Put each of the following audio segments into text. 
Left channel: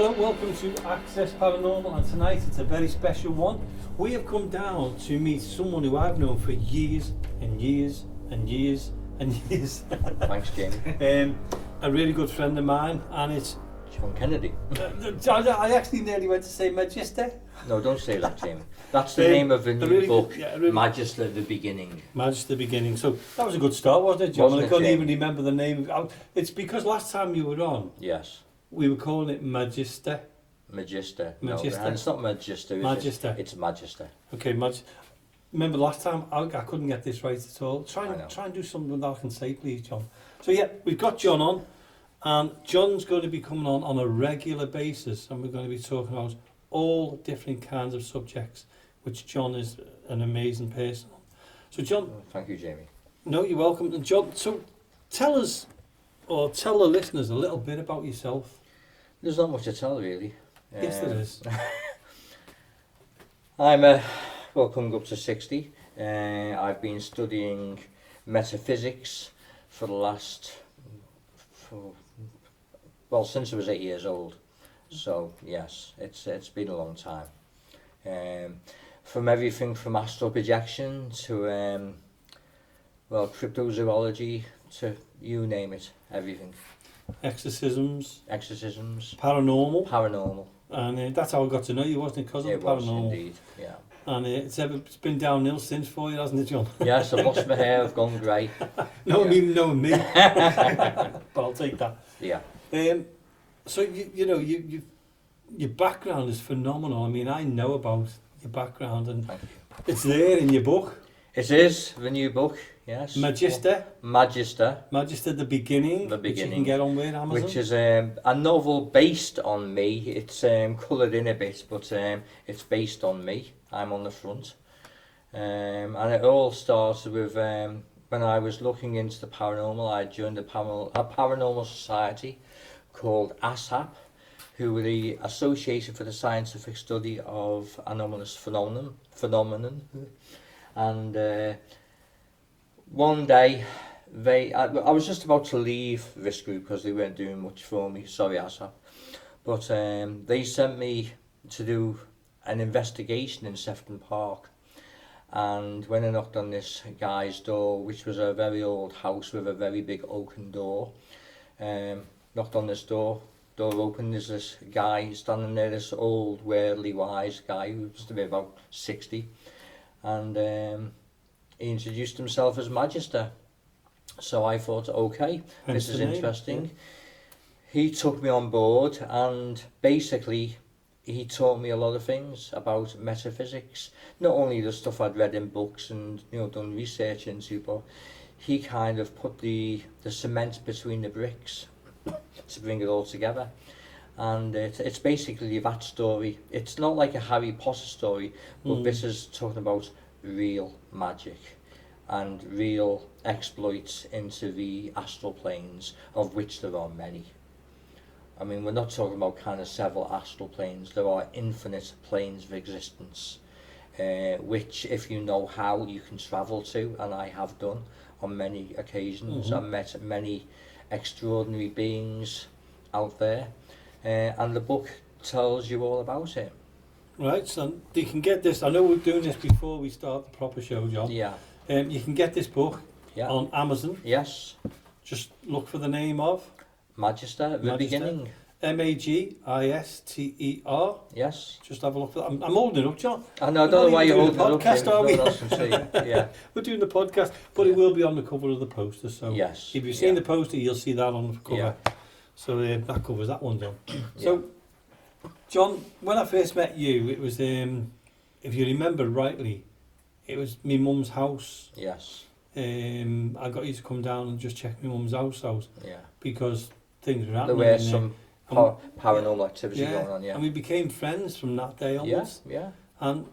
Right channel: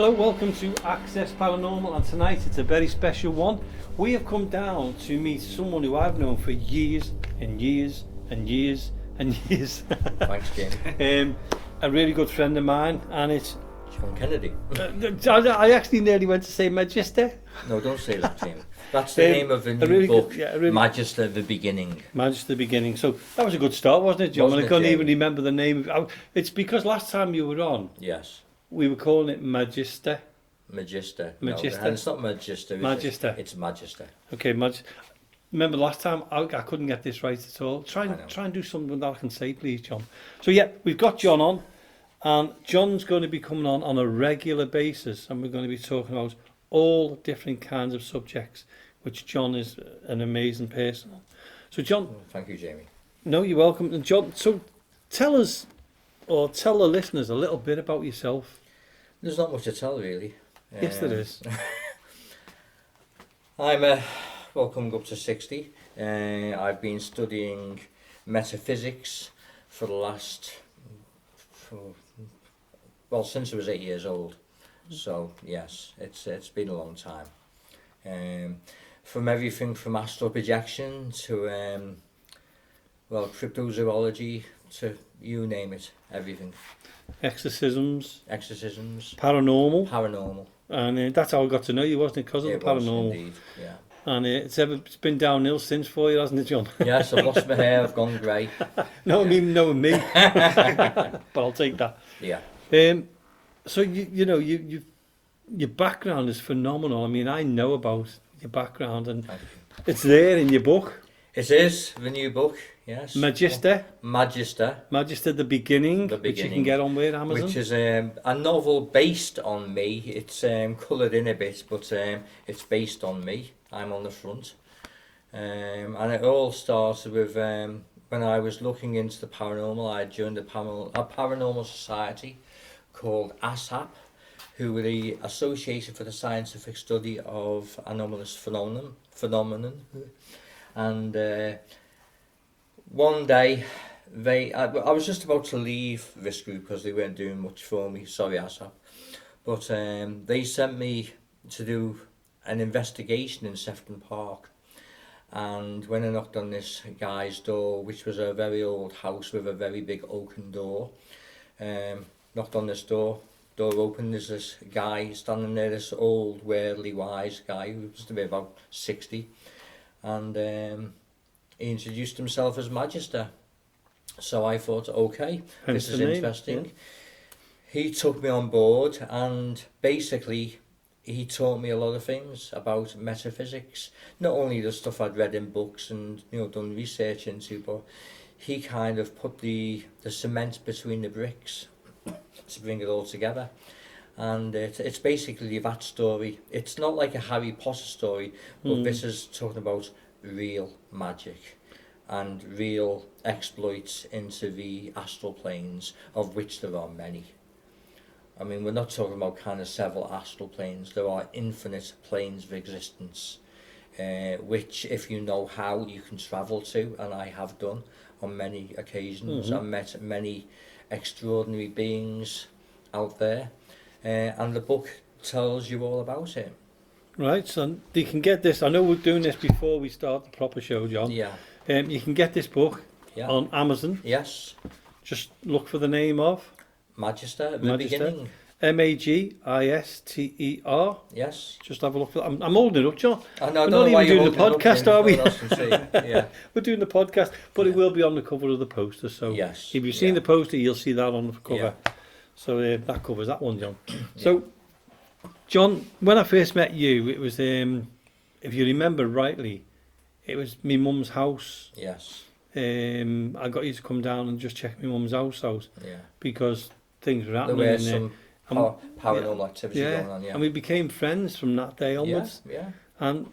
Hello, welcome to Access Paranormal, and tonight it's a very special one. We have come down to meet someone who I've known for years and years and years and years. Thanks, Jamie. A really good friend of mine, and it's Shaun Kennedy. I actually nearly went to say Magister. No, don't say that, Jamie. That's the name of a new really book, good, Magister the Beginning. Magister the Beginning. So that was a good start, wasn't it, John? Wasn't I it, couldn't Jamie? even remember the name. It's because last time you were on, Yes. we were calling it Magister. Magister. Magister. No, and it's not Magister. Is Magister. It? It's Magister. Okay, remember last time I couldn't get this right at all. Try and do something that I can say, please, John. So yeah, we've got John on, and John's going to be coming on a regular basis, and we're going to be talking about all different kinds of subjects, which John is an amazing person on. So John, Thank you, Jamie. no, you're welcome. And John, so tell us, or tell the listeners a little bit about yourself. There's not much to tell, really. Yes, there is. I'm coming up to 60. I've been studying metaphysics for the last, since I was 8 years old. So yes, it's been a long time. From everything from astral projection to cryptozoology to you name it, everything. Exorcisms, paranormal. And that's how I got to know you, wasn't it? Because of the It was paranormal. indeed, yeah. And it's been downhill since for you, hasn't it, John? Yes, I've lost my hair, I've gone grey. No, even knowing me. But I'll take that. Yeah. So your background is phenomenal. I mean, I know about your background, and Thank you. it's there in your book. It is the new book, yes. Magister the Beginning, The which you can Beginning, get on with Amazon. which is a novel based on me. It's coloured in a bit, but it's based on me. I'm on the front. And it all started with when I was looking into the paranormal. I joined a paranormal society called ASAP, who were the Association for the Scientific Study of Anomalous Phenomenon. And one day, I was just about to leave this group because they weren't doing much for me. Sorry, ASAP. But they sent me to do an investigation in Sefton Park. And when I knocked on this guy's door, which was a very old house with a very big oaken door, knocked on this door opened, there's this guy standing there, this old, worldly wise guy who was to be about 60. And he introduced himself as Magister. So I thought, okay, this is interesting. Yeah. He took me on board, and basically he taught me a lot of things about metaphysics. Not only the stuff I'd read in books and done research into, but he kind of put the cement between the bricks to bring it all together. And it's basically that story. It's not like a Harry Potter story, but this is talking about real magic and real exploits into the astral planes, of which there are many. I mean, we're not talking about kind of several astral planes. There are infinite planes of existence, which, if you know how, you can travel to, and I have done on many occasions. I've met many extraordinary beings out there, and the book tells you all about it. Right, so you can get this. I know we're doing this before we start the proper show, John. Yeah. You can get this book on Amazon. Yes. Just look for the name of Magister, the Beginning. Magister. Yes. Just have a look for that. I'm holding it up, John. I don't know why you're holding the podcast, it up. are we? No, that's insane. Yeah. We're doing the podcast, but it will be on the cover of the poster. So yes. If you've seen the poster, you'll see that on the cover. Yeah. So that covers that one, John. So, John, when I first met you, it was, if you remember rightly, it was my mum's house. Yes. I got you to come down and just check my mum's house out. Yeah. Because things were happening. There were some paranormal activity going on, And we became friends from that day onwards. Yeah. And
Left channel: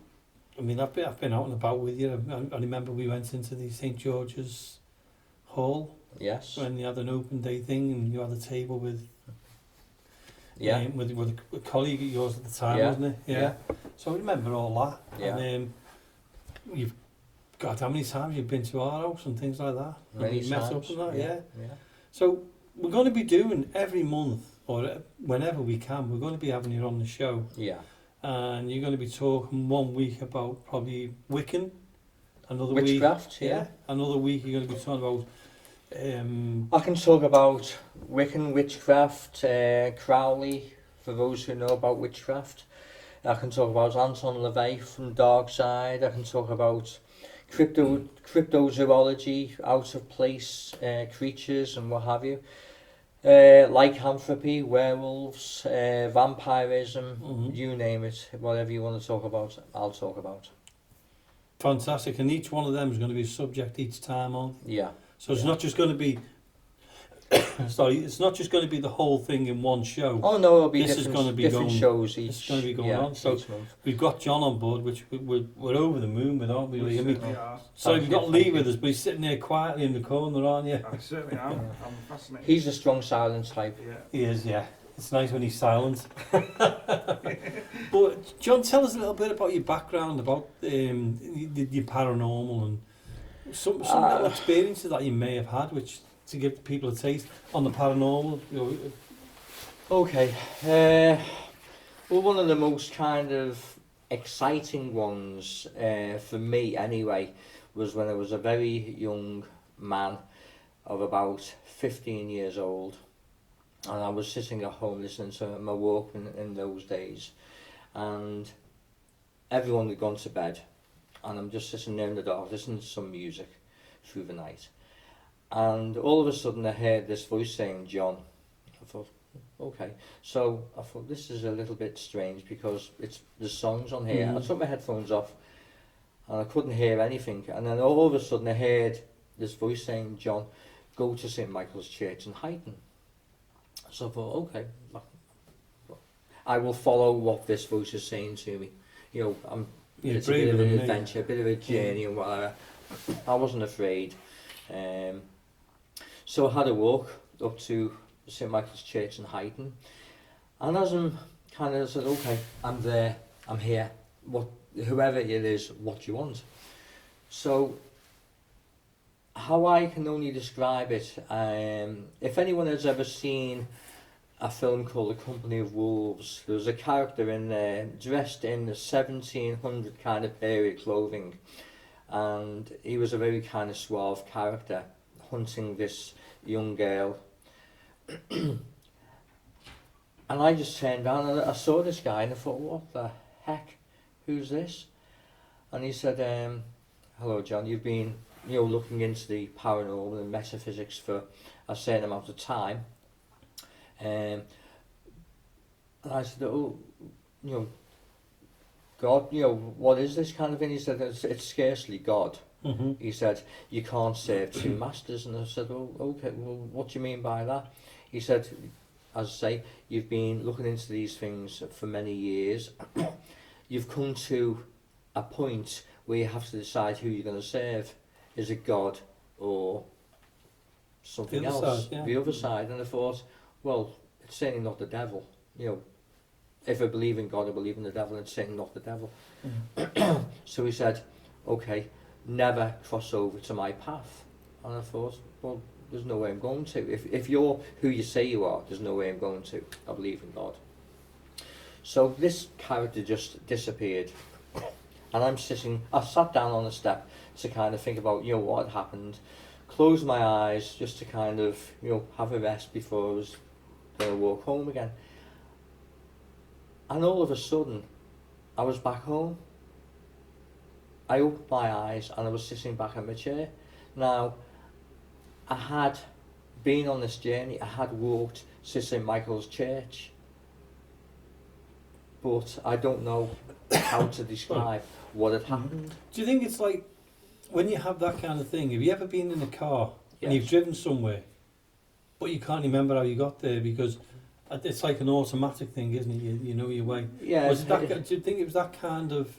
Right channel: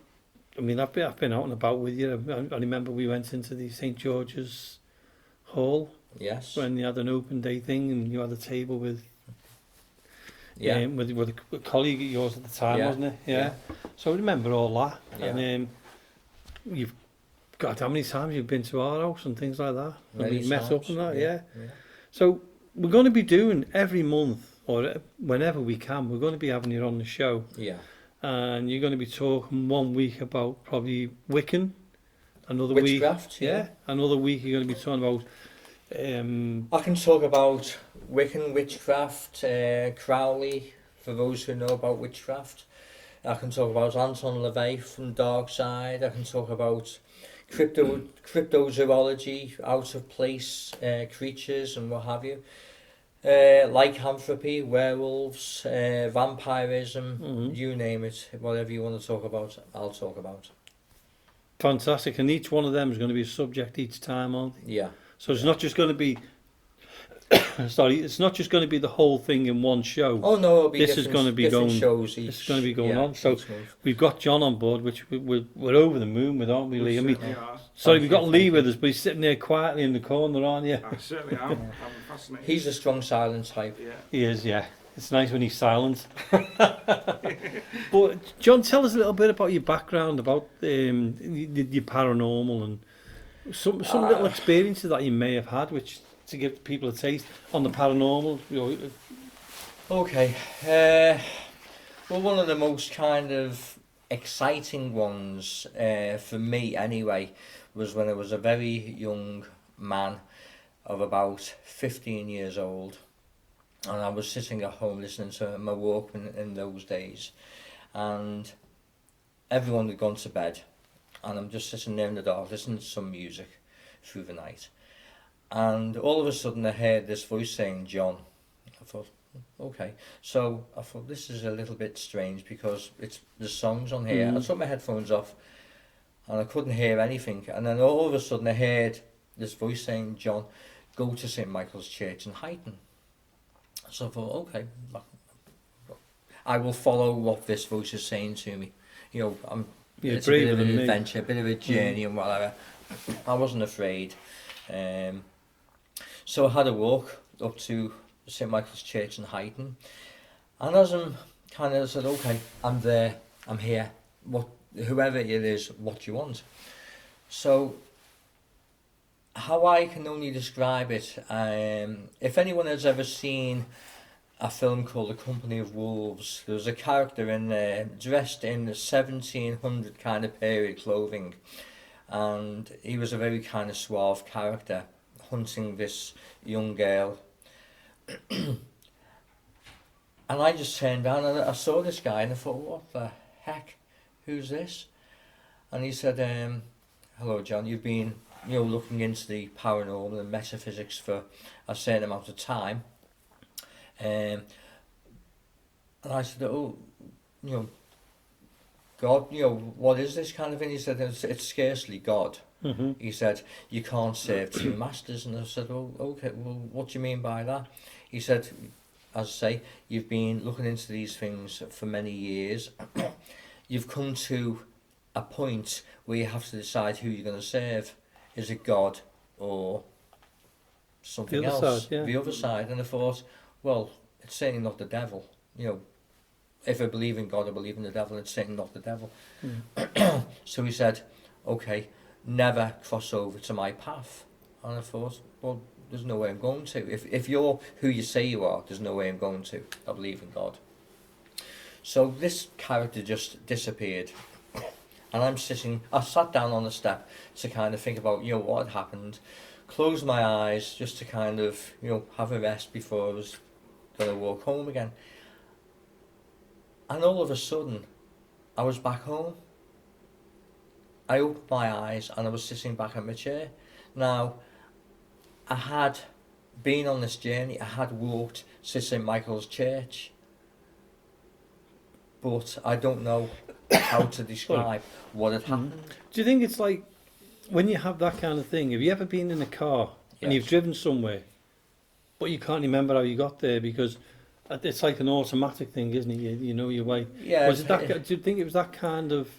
I mean, I've been out and about with you. I remember we went into the St. George's Hall. Yes. When you had an open day thing, and you had a table with with a colleague of yours at the time, wasn't it? Yeah. So I remember all that. Yeah. And you've got how many times you've been to our house and things like that. Many and we met times. up and that. Yeah. Yeah. So we're going to be doing every month. or whenever we can, we're going to be having you on the show. Yeah. And you're going to be talking 1 week about probably Wiccan, another Witchcraft, week, another week you're going to be talking about. I can talk about Wiccan, witchcraft, Crowley, for those who know about witchcraft. I can talk about Anton LaVey from Dark Side. I can talk about cryptozoology, out of place creatures and what have you. Lycanthropy, werewolves, vampirism, you name it, whatever you want to talk about, I'll talk about. Fantastic, and each one of them is going to be a subject each time, aren't they? Yeah. So it's not just going to be, it's not just going to be the whole thing in one show. Oh no, it'll be this is going to be different going, shows each. This is going to be going on. So month. we've got John on board, which we're over the moon with, aren't we, Lee? I mean, Yeah, sorry, we've got Lee with us, but he's sitting there quietly in the corner, aren't you? I certainly am. I'm fascinated. He's a strong silent type. Yeah. He is, yeah. It's nice when he's silent. But John, tell us a little bit about your background, about your paranormal and some little experiences that you may have had, which to give people a taste on the paranormal. You know. Okay. Well, one of the most kind of exciting ones for me anyway was when I was a very young man of about 15 years old, and I was sitting at home listening to my Walkman in those days, and everyone had gone to bed, and I'm just sitting there in the dark listening to some music through the night, and all of a sudden I heard this voice saying, "John." I thought, okay, so I thought this is a little bit strange because the songs on here. I took my headphones off and I couldn't hear anything, and then all of a sudden I heard this voice saying, "John, go to St. Michael's Church in Huyton." So I thought, okay, I will follow what this voice is saying to me. You know, it's a bit of an adventure, a bit of a journey and whatever. I wasn't afraid. So I had a walk up to St. Michael's Church in Huyton, and as I'm kind of said, okay, I'm there, I'm here, whoever it is, what do you want? So how I can only describe it, if anyone has ever seen a film called The Company of Wolves, there was a character in there dressed in the 1700 kind of period clothing, and he was a very kind of suave character hunting this young girl. And I just turned down and I saw this guy and I thought, what the heck, who's this? And he said, hello John, you've been looking into the paranormal and metaphysics for a certain amount of time. And I said, oh, God, what is this kind of thing? He said, it's scarcely God. He said, you can't serve two masters. And I said, oh, okay, well, what do you mean by that? He said, as I say, you've been looking into these things for many years. You've come to a point where you have to decide who you're going to serve. Is it God or something else? The other side. And I thought, well, it's certainly not the devil. If I believe in God, I believe in the devil, it's certainly not the devil. So he said, okay, never cross over to my path. And I thought, well, there's no way I'm going to. If you're who you say you are, there's no way I'm going to. I believe in God. So this character just disappeared. And I sat down on the step to kind of think about, what had happened, closed my eyes just to kind of, have a rest before I was going to walk home again. And all of a sudden, I was back home. I opened my eyes and I was sitting back in my chair. Now, I had been on this journey, I had walked to St. Michael's Church, but I don't know how to describe what had happened. Do you think it's like, when you have that kind of thing, have you ever been in a car and you've driven somewhere, but you can't remember how you got there because it's like an automatic thing, isn't it? You know your way. Yeah. Do you think it was that kind of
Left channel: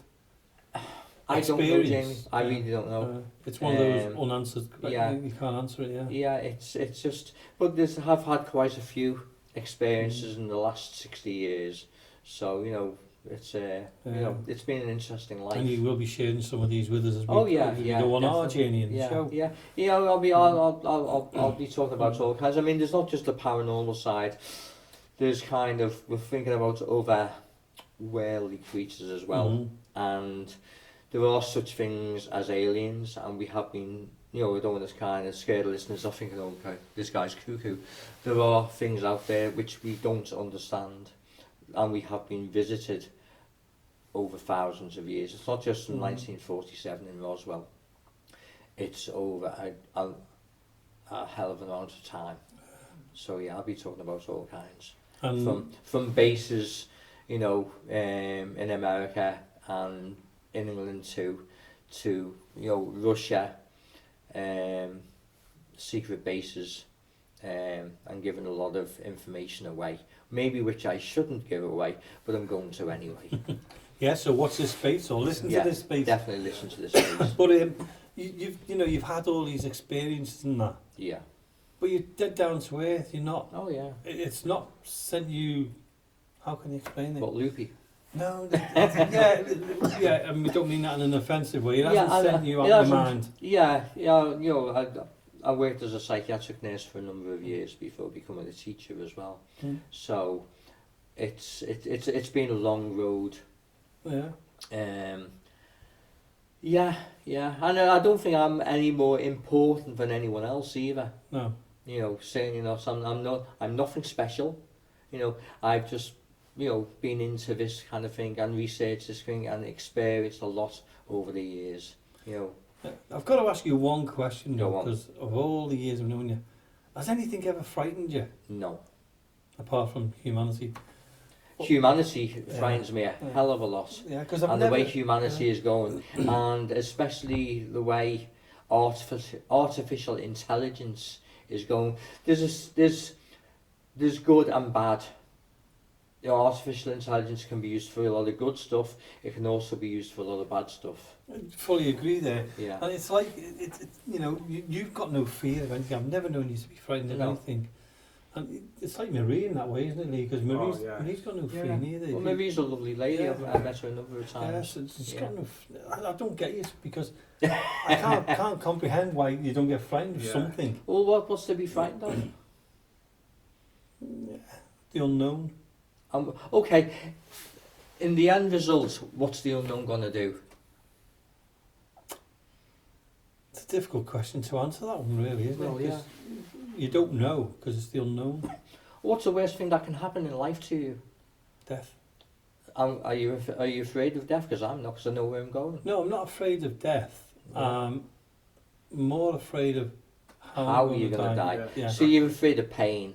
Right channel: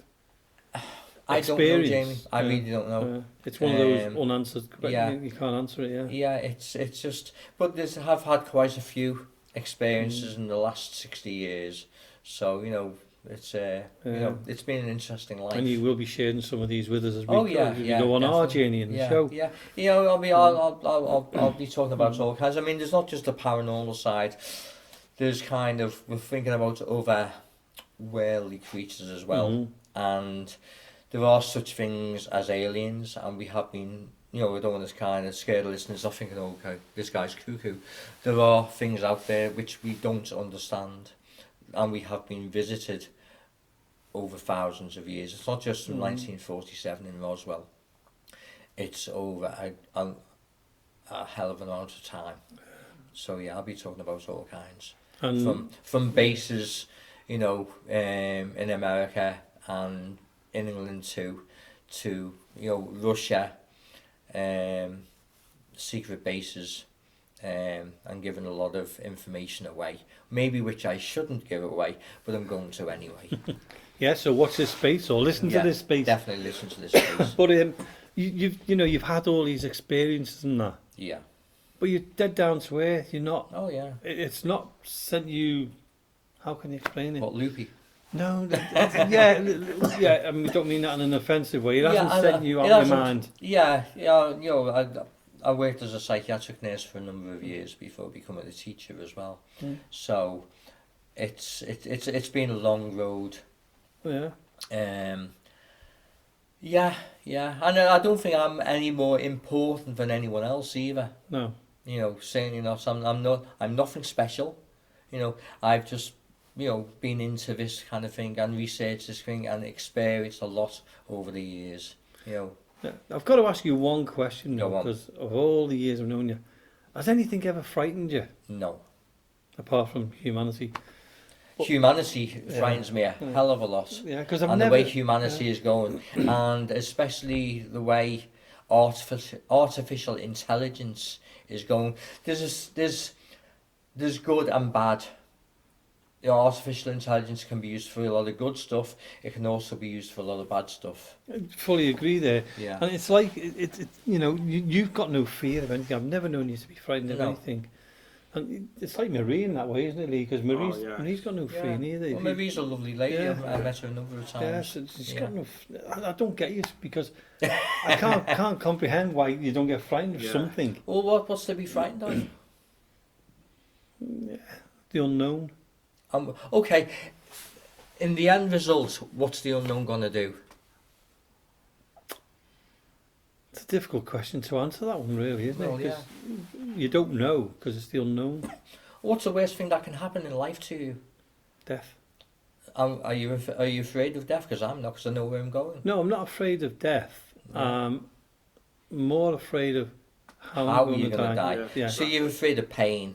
I don't know, Jamie. I really don't know. It's one of those unanswered. You can't answer it. Yeah. Yeah, it's just. But I've had quite a few experiences in the last 60 years, so it's it's been an interesting life. And you will be sharing some of these with us as we go on our journey in the show. Yeah, I'll be talking about all kinds. I mean, there's not just the paranormal side. there's kind of, we're thinking about other worldly creatures as well, Mhm. and there are such things as aliens, and we have been, you know, we don't want to kind of scare the listeners off thinking, oh, okay, this guy's cuckoo. There are things out there which we don't understand, and we have been visited over thousands of years. It's not just from 1947 in Roswell. It's over a hell of an amount of time. So yeah, I'll be talking about all kinds. And From bases, you know, in America and in England too, to, you know, Russia, secret bases, and giving a lot of information away. Maybe which I shouldn't give away, but I'm going to anyway. yeah, so watch this space or listen to this space. Definitely listen to this space. But you've had all these experiences and that. Yeah. But you're dead down to earth. You're not. Oh yeah. It's not sent you. How can you explain it? What, loopy? No. Yeah. I mean, we don't mean that in an offensive way. It hasn't sent you out it of hasn't- your mind. Yeah, you know, I worked as a psychiatric nurse for a number of years before becoming a teacher as well. So it's been a long road. Yeah. Yeah, and I don't think I'm any more important than anyone else either. No. You know, certainly not. I'm nothing special. You know, I've just, you know, been into this kind of thing and researched this thing and experienced a lot over the years. You know. Yeah. I've got to ask you one question Go though, on. because of all the years I've known you, has anything ever frightened you No. apart from humanity? Humanity frightens me a Yeah. hell of a lot. Yeah, because I've And never. the way humanity is going, and especially the way artificial intelligence is going. There's good and bad. You know, artificial intelligence can be used for a lot of good stuff. It can also be used for a lot of bad stuff. Fully agree there. Yeah. And it's like you know, you've got no fear of anything. I've never known you to be frightened of No. anything. And it's like Marie in that way, isn't it, Lee? Because Marie's got no fear neither. Well, Marie's a lovely lady. Yeah. I've met her a number of times. Yes, she's got no. I don't get you because I can't comprehend why you don't get frightened of something. Well, what's to be frightened of? The unknown. Okay, in the end result, what's the unknown going to do? It's a difficult question to answer that one, really, isn't Well, it? 'Cause you don't know because it's the unknown. What's the worst thing that can happen in life to you? Death. Are you afraid of death? Because I'm not, because I know where I'm going. No, I'm not afraid of death. No. More afraid of How you're going to die. Yeah. So you're afraid of pain.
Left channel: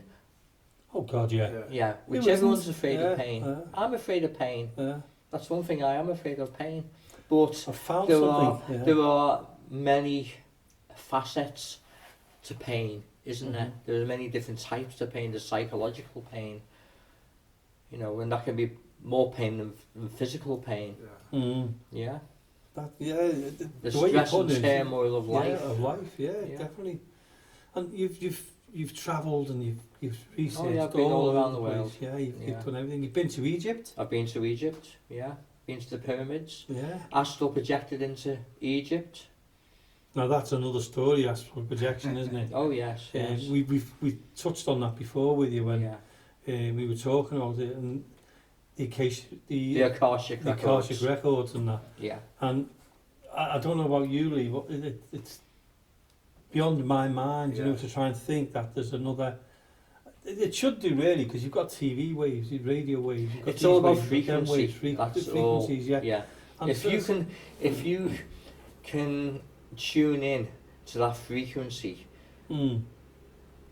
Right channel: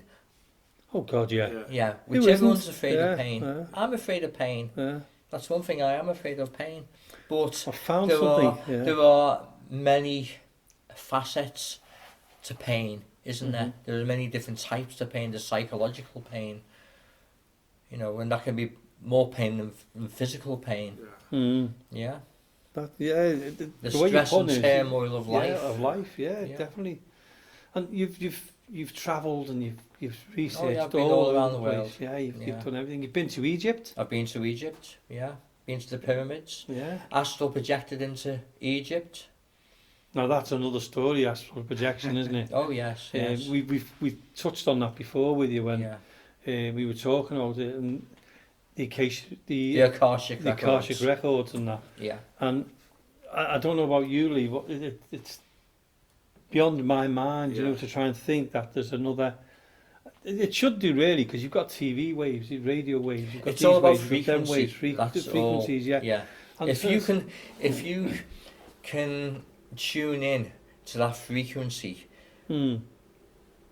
Oh God, yeah. Yeah, Who which everyone's isn't? afraid Yeah, of pain. yeah. I'm afraid of pain. Yeah. That's one thing, I am afraid of pain. But I found there something. are, there are many facets to pain, isn't there? There are many different types to pain. There's psychological pain, you know, and that can be more pain than physical pain. Yeah. That, yeah. The way you're stress and putting it, turmoil of life. Yeah, of life. Yeah, Yeah. definitely. And you've travelled and you've researched. Oh yeah, I've been all over around the place. world. Yeah, you've Yeah. done everything. You've been to Egypt. I've been to Egypt, yeah. Been to the pyramids. Yeah. Astral projected into Egypt. Now that's another story, astral projection, isn't it? Oh yes, yes. We touched on that before with you when yeah. we were talking about it and the Akashic records. Akashic records and that. Yeah. And I don't know about you, Lee. It's beyond my mind, you know, to try and think that there's another. It should do really, because you've got TV waves, radio waves. You've got It's all about waves, them frequency. waves, That's frequencies, all. yeah. And If you can tune in to that frequency,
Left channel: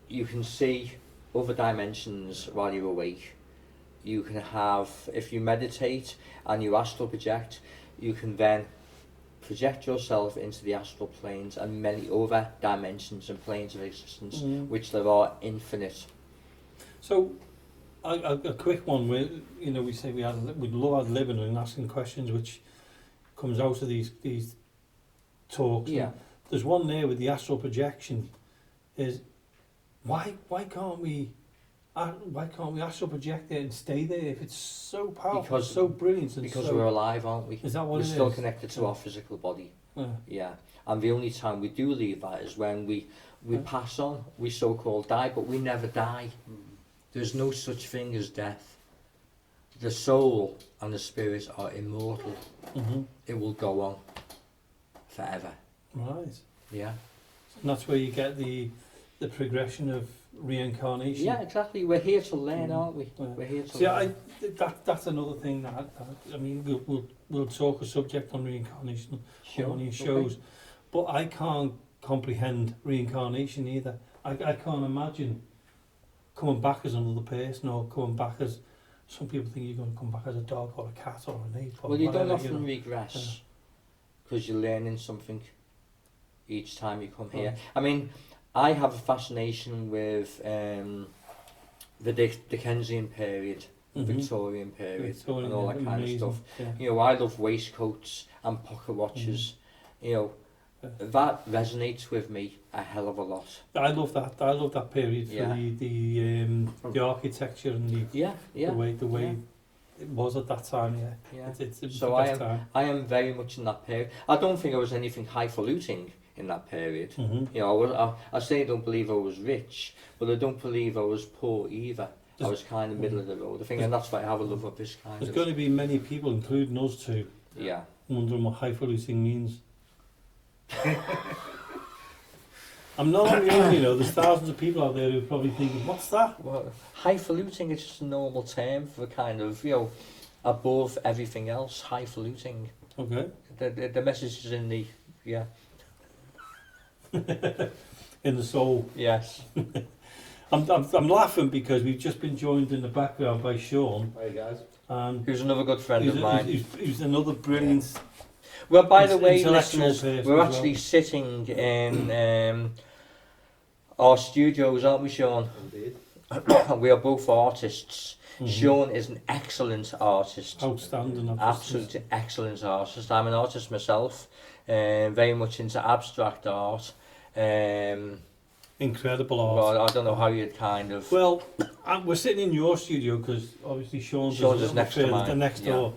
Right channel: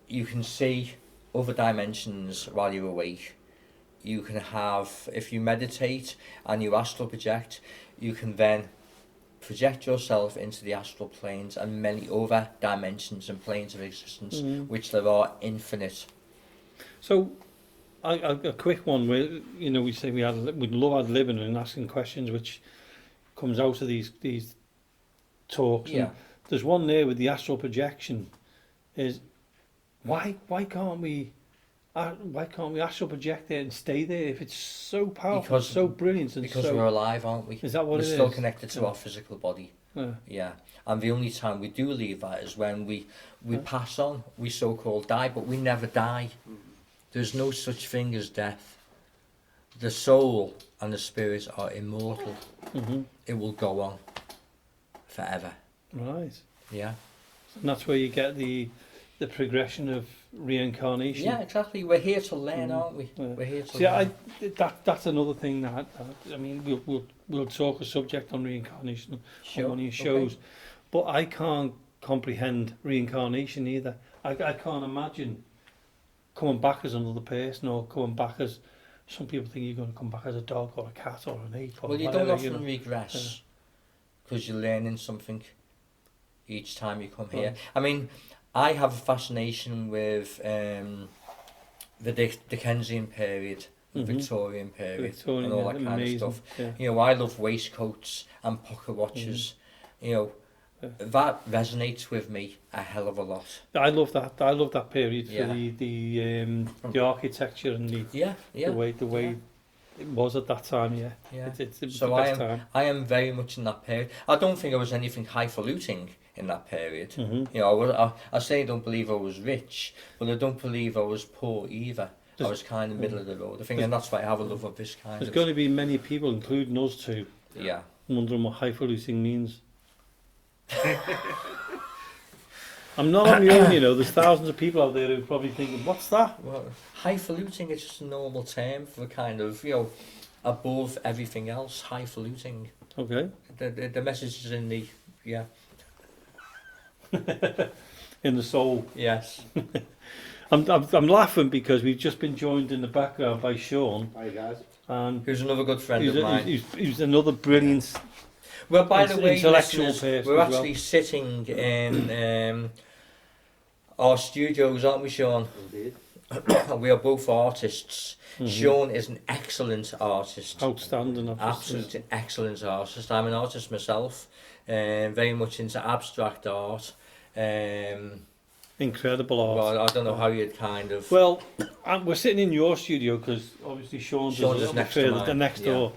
you can see other dimensions while you're awake. You can have, if you meditate and you astral project, you can then project yourself into the astral planes and many other dimensions and planes of existence, which there are infinite. So, a quick one where, you know, we say we'd love ad living and asking questions, which comes out of these talks. Yeah. And there's one there with the astral projection. Is why can't we astral project there and stay there if it's so powerful, Because- so brilliant, and Because so, we're alive, aren't we? Is that what we're it still is? connected to our physical body. Yeah. Yeah. And the only time we do leave that is when we pass on. We so-called die, but we never die. There's no such thing as death. The soul and the spirit are immortal. Mm-hmm. It will go on forever. Right. Yeah. And that's where you get the progression of reincarnation. Yeah, exactly. We're here to learn, aren't we? Yeah. We're here to See, learn. that's another thing that I mean, we'll talk a subject on reincarnation on one of your shows, but I can't comprehend reincarnation either. I can't imagine coming back as another person or coming back as some people think you're going to come back as a dog or a cat or an ape. Or Well, you whatever, don't often know. regress because you're learning something each time you come here. Right. I mean, I have a fascination with the Dickensian period, the Mhm. Victorian period, Victorian, and all that kind amazing, of stuff. Yeah. You know, I love waistcoats and pocket watches. You know, Yeah. that resonates with me a hell of a lot. I love that. I love that period Yeah. for the architecture and Yeah, yeah. the way it was at that time. Yeah. Yeah. It was So the best time. I am very much in that period. I don't think I was anything highfalutin in that period. Mm-hmm. You know, I say I don't believe I was rich, but I don't believe I was poor either. I was kind of middle of the road. I think, and that's why I have a love of this kind There's of... going to be many people, including us too, Yeah. wondering what highfalutin means. I'm not on my own, you know. There's thousands of people out there who are probably thinking, "What's that?" Well, highfalutin is just a normal term for kind of, you know, above everything else. Highfalutin. Okay. The message is in the... Yeah. In the soul. Yes. I'm laughing because we've just been joined in the background by Shaun. Hi guys. And Who's another good friend of mine. he's another brilliant. Well, by the way, intellectual listeners, person we're as actually sitting in our studios, aren't we, Shaun? Indeed. We are both artists. Mhm. Shaun is an excellent artist. Outstanding. Absolutely excellent artist. I'm an artist myself, very much into abstract art. Incredible art. Well, I don't know how you'd kind of... Well, we're sitting in your studio because obviously Shaun's is next to mine. the next Yeah. door,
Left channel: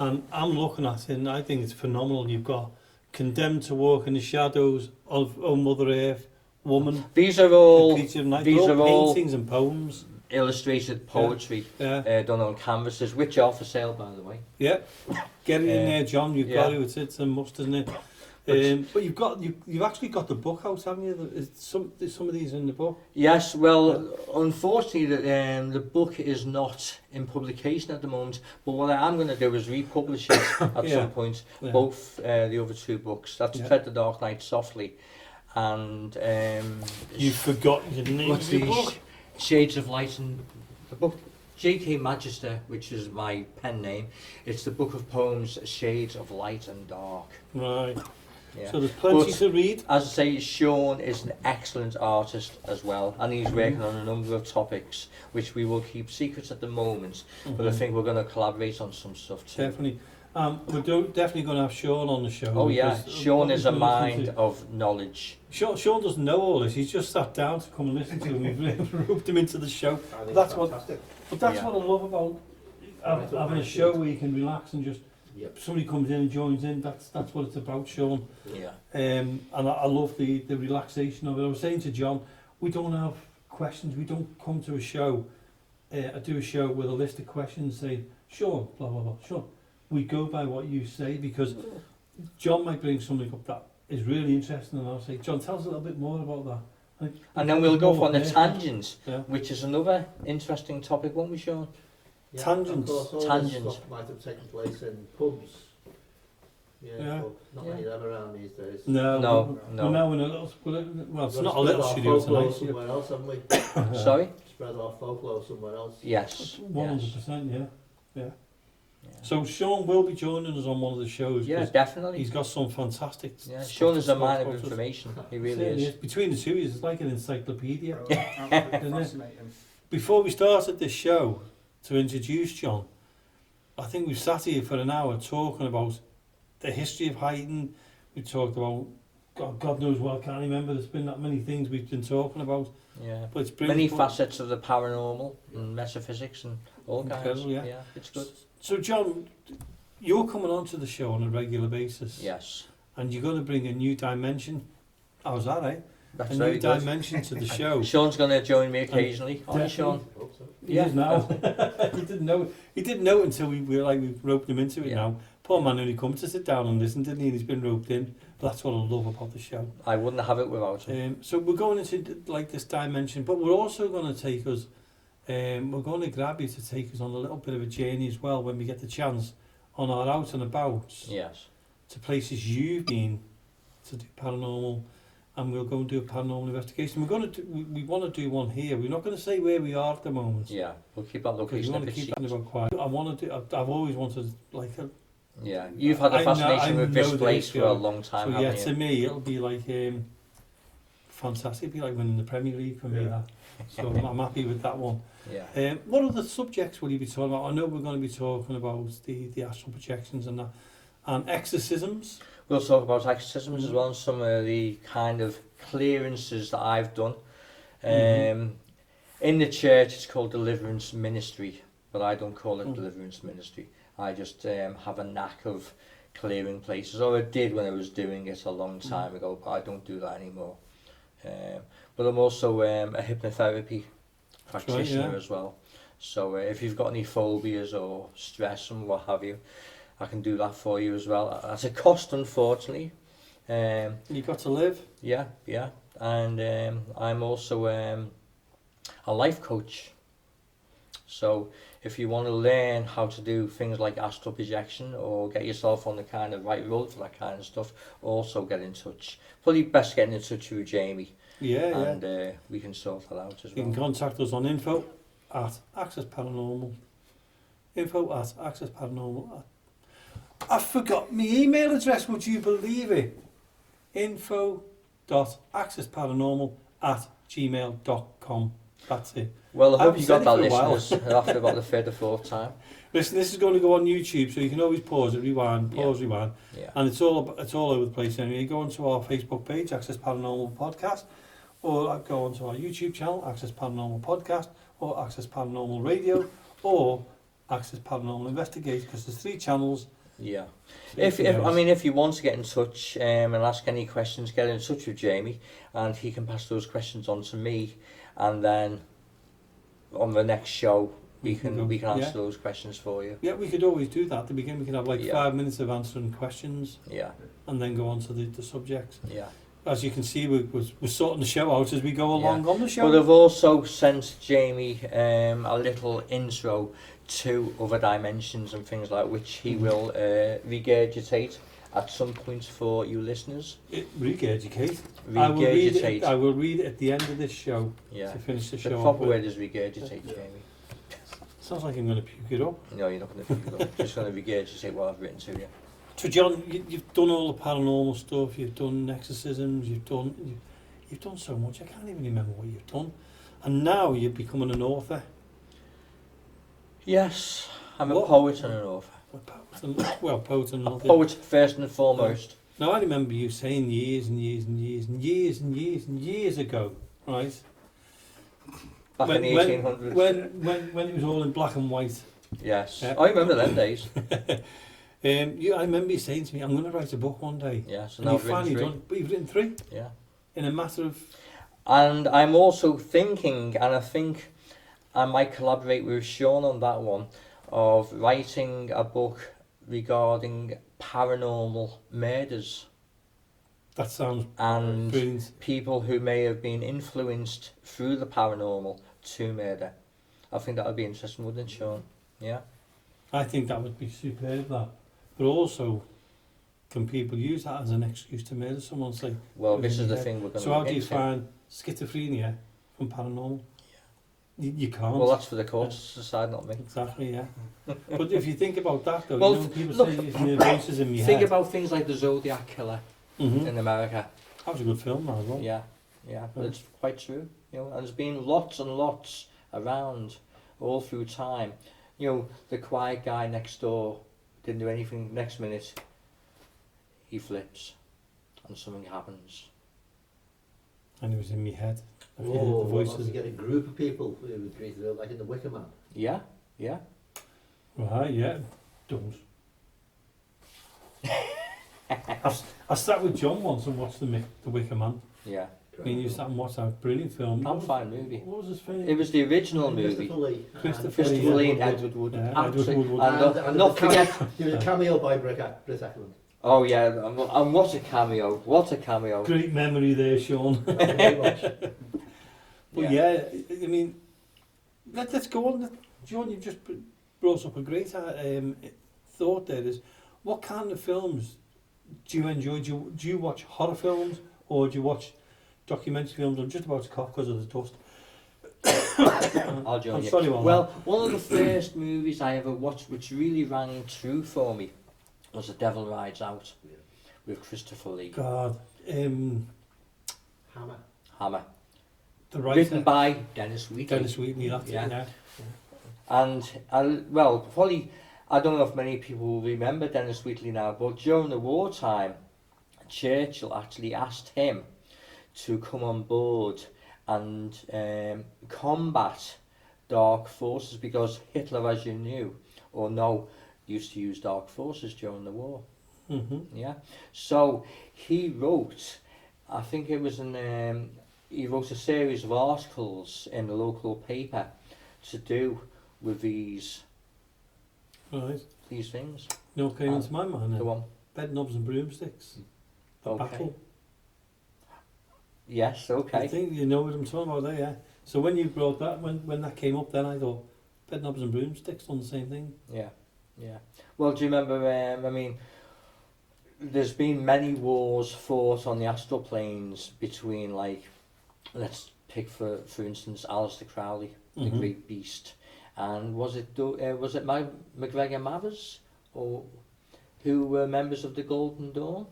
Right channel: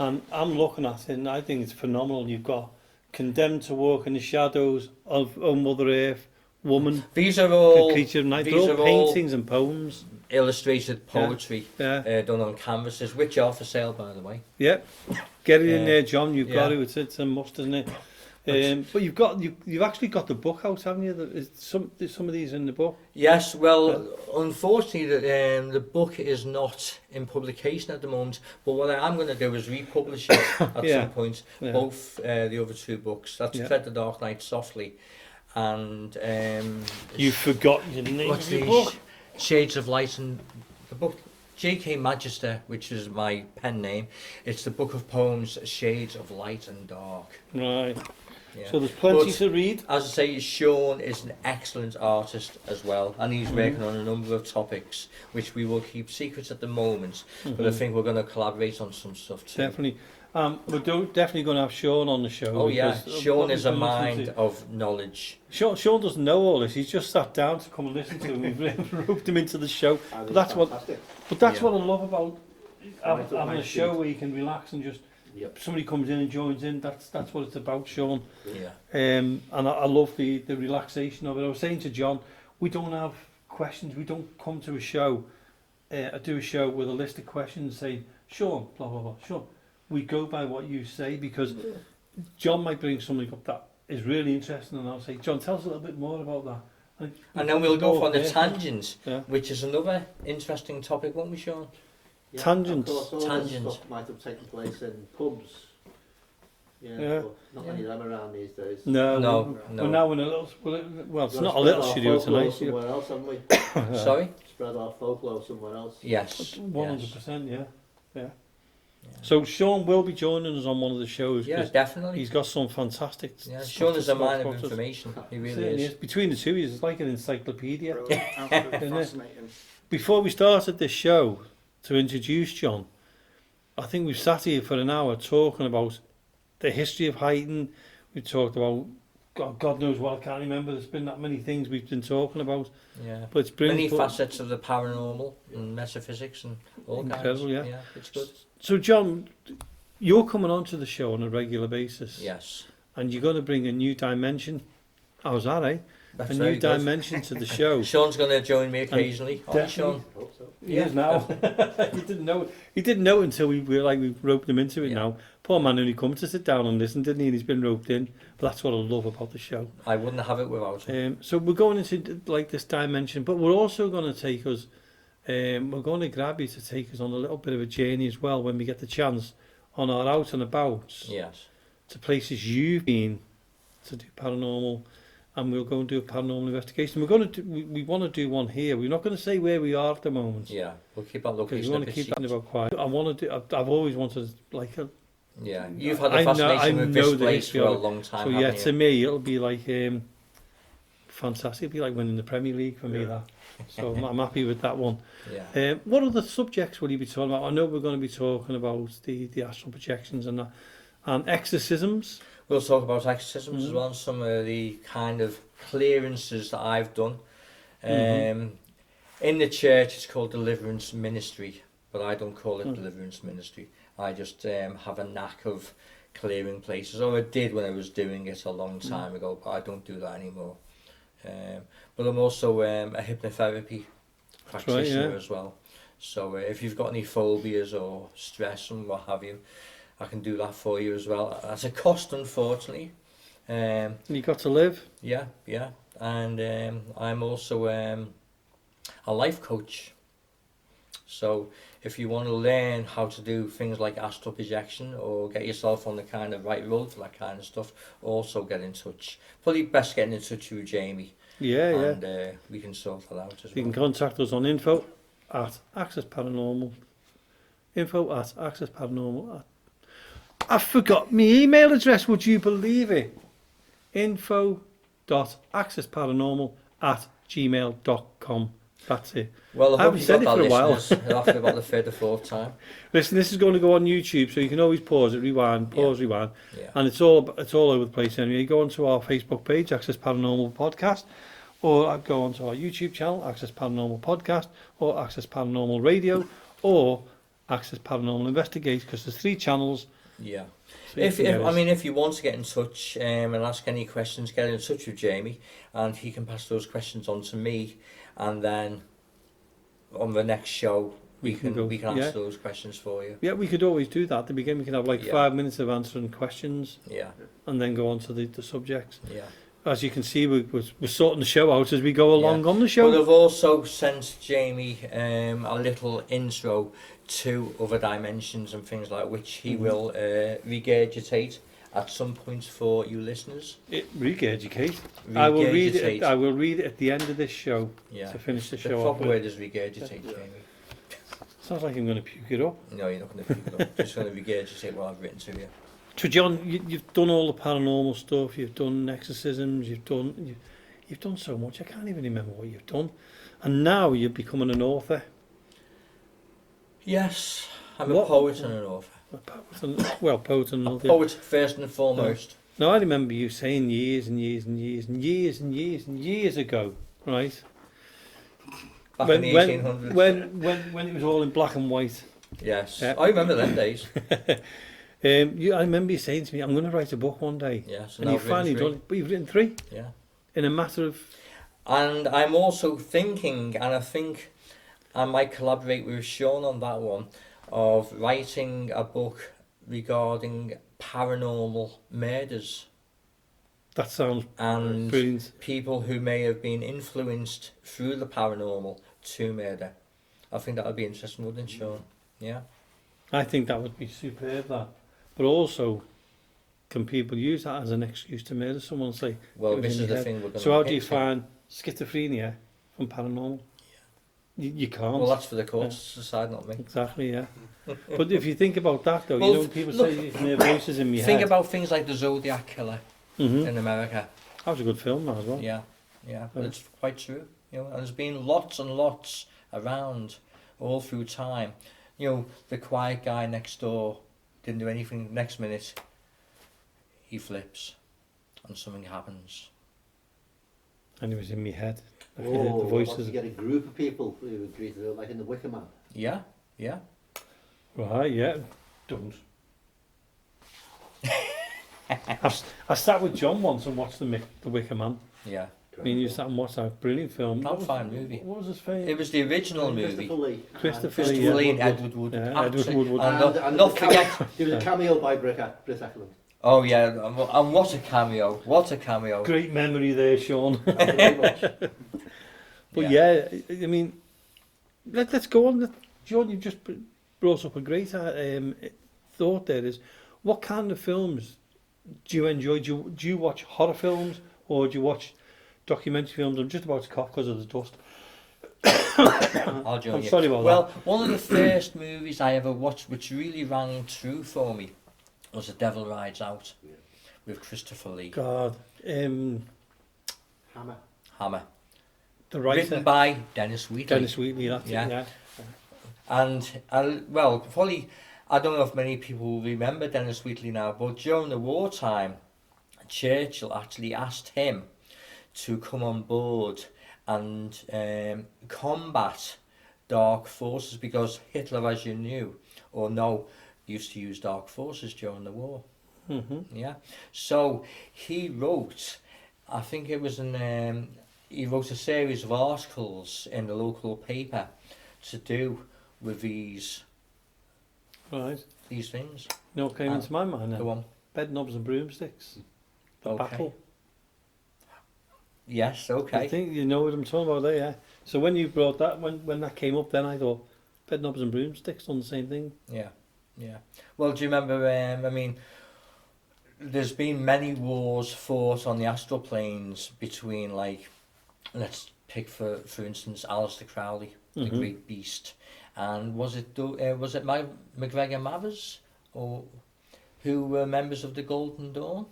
and I'm looking at it and I think it's phenomenal. You've got Condemned to Walk in the Shadows of Mother Earth, Woman, These are The all Creature of Night. these They're all are all- paintings and poems. illustrated poetry Yeah, done on canvases, which are for sale, by the way. yeah. Get it in there, John. You've got yeah. it. It's a must, isn't it? But you've actually got the book out, haven't you? There's some of these in the book. Yes, well, unfortunately, the book is not in publication at the moment. But what I am going to do is republish it at Yeah. some point. Yeah. Both the other two books. That's Yeah. Tread the Dark Night Softly, and You've forgotten the name what's of the the book. Shades of Light, and the book J.K. Magister, which is my pen name. It's the book of poems Shades of Light and Dark. Right. Yeah. So there's plenty But- to read. As I say, Shaun is an excellent artist as well, and he's Mm-hmm. working on a number of topics which we will keep secret at the moment. But I Mhm. think we're going to collaborate on some stuff too. Definitely. We're definitely going to have Shaun on the show. Oh yeah, because Shaun is a obviously mind of knowledge. Shaun doesn't know all this. He's just sat down to come and listen to him. We've roped him into the show. But that's what- fantastic. But that's Yeah. what I love about having a show where you can relax and just Yep. somebody comes in and joins in. That's what it's about, Shaun. Yeah. And I love the relaxation of it. I was saying to John, we don't have questions. We don't come to a show, do a show with a list of questions saying, Shaun, blah, blah, blah, Shaun. We go by what you say because John might bring something up that is really interesting and I'll say, John, tell us a little bit more about that. And then we'll go off on a Yeah. tangent, Yeah. which is another interesting topic, won't we, Shaun? Yeah, Tangents. Of course, all Tangent. this stuff might have taken place in pubs. Yeah. Yeah. But not many of them around these days. No, No, we're no. now in a little, well, it's We've got not to a little spread our studio folklore tonight. somewhere else, haven't we? Sorry? Spread our folklore somewhere else. Yes. 100%, yeah. Yeah. So Shaun will be joining us on one of the shows. Yeah, 'cause definitely. He's got some fantastic. Yeah, stuff Shaun to is a talk man of about us. information. He really Certainly is. Between the two, he's like an encyclopedia. Brilliant. Absolutely Isn't it? fascinating. Before we started this show, to introduce John, I think we've sat here for an hour talking about the history of Huyton. We talked about God knows what. I can't remember. There's been that many things we've been talking about. Yeah. But it's brilliant. Many But- facets of the paranormal and metaphysics and all kinds. Incredible, yeah. It's good. So John, you're coming onto the show on a regular basis. Yes. And you're going to bring a new dimension. How's that, eh? That's a very new good. dimension to the show. Shaun's going to join me occasionally. Aren't you, Definitely. Shaun? Hope so. He is now. He didn't know. He didn't know until we roped him into it. Now, poor man only come to sit down and listen, didn't he? And he's been roped in. But that's what I love about the show. I wouldn't have it without him. So we're going into like this dimension, but we're also going to take us. We're going to grab you to take us on a little bit of a journey as well when we get the chance on our out and abouts. Yes. To places you've been to do paranormal, and we'll go and do a paranormal investigation. We're going to do, we want to do one here. We're not going to say where we are at the moment. Yeah, we'll keep that location. We want to keep that about quiet. I want to do. I've always wanted like a. Yeah, you've had a fascination with this place for a long time. So yeah, haven't you? to me it'll be like fantastic. It'll be like winning the Premier League for me. That. So I'm happy with that one. Yeah. What other subjects will you be talking about? I know we're going to be talking about the astral projections and that, and exorcisms. We'll talk about exorcisms as well, and some of the kind of clearances that I've done. In the church, it's called deliverance ministry, but I don't call it deliverance ministry. I just have a knack of clearing places, or I did when I was doing it a long time ago, but I don't do that anymore. But I'm also a hypnotherapy practitioner as well. So if you've got any phobias or stress and what have you, I can do that for you as well. At a cost, unfortunately. You got to live. Yeah. And I'm also a life coach. So if you want to learn how to do things like astral projection or get yourself on the kind of right road for that kind of stuff, also get in touch. Probably best getting in touch with Jamie. And we can sort that out as well. You can contact us on info@accessparanormal. Info@accessparanormal. I forgot my email address, would you believe it? info.accessparanormal@gmail.com. That's it. Well, I hope you got that, for listeners, after about the third or fourth time. Listen, this is going to go on YouTube, so you can always pause it, rewind, rewind. Yeah. And it's all over the place anyway. Go onto our Facebook page, Access Paranormal Podcast, or go onto our YouTube channel, Access Paranormal Podcast, or Access Paranormal Radio, or Access Paranormal Investigate, because there's 3 channels. Yeah. If you want to get in touch and ask any questions, get in touch with Jamie, and he can pass those questions on to me, and then on the next show we can answer those questions for you. Yeah, we could always do that at the beginning. We can have 5 minutes of answering questions. Yeah. And then go on to the subjects. Yeah. As you can see, we're sorting the show out as we go along on the show. But I've also sent Jamie a little intro to other dimensions and things like which he will regurgitate at some point for you listeners. Regurgitate? Regurgitate. I will read it at the end of this show to finish the show. The proper word is regurgitate, Jamie. Sounds like I'm going to puke it up. No, you're not going to puke it up. Just going to regurgitate what I've written to you. So John, you've done all the paranormal stuff, you've done exorcisms, you've done so much, I can't even remember what you've done. And now you're becoming an author. Yes, I'm a poet and an author. Poet and an author. Poet first and foremost. Now I remember you saying years ago, right? Back in the 1800s. When it was all in black and white. Yes, I remember them days. I remember you saying to me, I'm going to write a book one day. Yeah, so and now you've finally done it. But you've written 3? Yeah. In a matter of... And I'm also thinking, and I think I might collaborate with Shaun on that one, of writing a book regarding paranormal murders. That sounds and brilliant. People who may have been influenced through the paranormal to murder. I think that would be interesting, wouldn't it, Shaun? Yeah. I think that would be superb, that. But also, can people use that as an excuse to murder someone? Say, well, this is the thing we're going to. So how do you find schizophrenia from paranormal? Yeah. You can't. Well, that's for the courts to decide, not me. Exactly, yeah. But if you think about that, though, well, people say these voices in my head. Think about things like the Zodiac Killer in America. That was a good film, that as well. Yeah, but it's quite true. And there's been lots and lots around all through time. The quiet guy next door didn't do anything. Next minute, he flips, and something happens. And it was in my head. The voices. You get a group of people who agree to it, like in the Wicca Man. Yeah. Right, yeah. Don't. I sat with John once and watched the Wicca Man. Yeah. Me and you sat and watched that brilliant film. That's a fine movie. What was his fame? It was the original movie. Christopher Christopher Lee and yeah. Edward Wood. Yeah, Edward Absolutely. Wood. And not forget. There was a cameo by Britt Eklund. Oh yeah, and what a cameo! What a cameo! Great memory there, Sean. But But yeah, I mean, let's go on. John, you've just brought up a great thought there is, what kind of films do you enjoy? Do you watch horror films or do you watch documentary films? I'm just about to cough because of the dust. I'll join I'm you. sorry about Well, one of the first movies I ever watched which really rang true for me was The Devil Rides Out with Christopher Lee. God. Hammer. The writer. Written by Dennis Wheatley. Dennis Wheatley, that's Yeah. it, yeah. And, well, probably, I don't know if many people will remember Dennis Wheatley now, but during the wartime, Churchill actually asked him to come on board and combat dark forces, because Hitler, as you knew or know, used to use dark forces during the war. Mm-hmm. Yeah. So he wrote, I think it was he wrote a series of articles in the local paper to do with these Right. things. You know what came into my mind then? Go on. Bed knobs and broomsticks. The Okay. battle. Yes, I okay. think you know what I'm talking about there, yeah. So when you brought that, when that came up, then I thought, bed knobs and broomsticks on the same thing. Yeah, yeah. Well, do you remember, I mean, there's been many wars fought on the astral planes between, like, let's pick for instance, Aleister Crowley, the Mhm. great beast, and was it McGregor Mathers, or who were members of the Golden Dawn?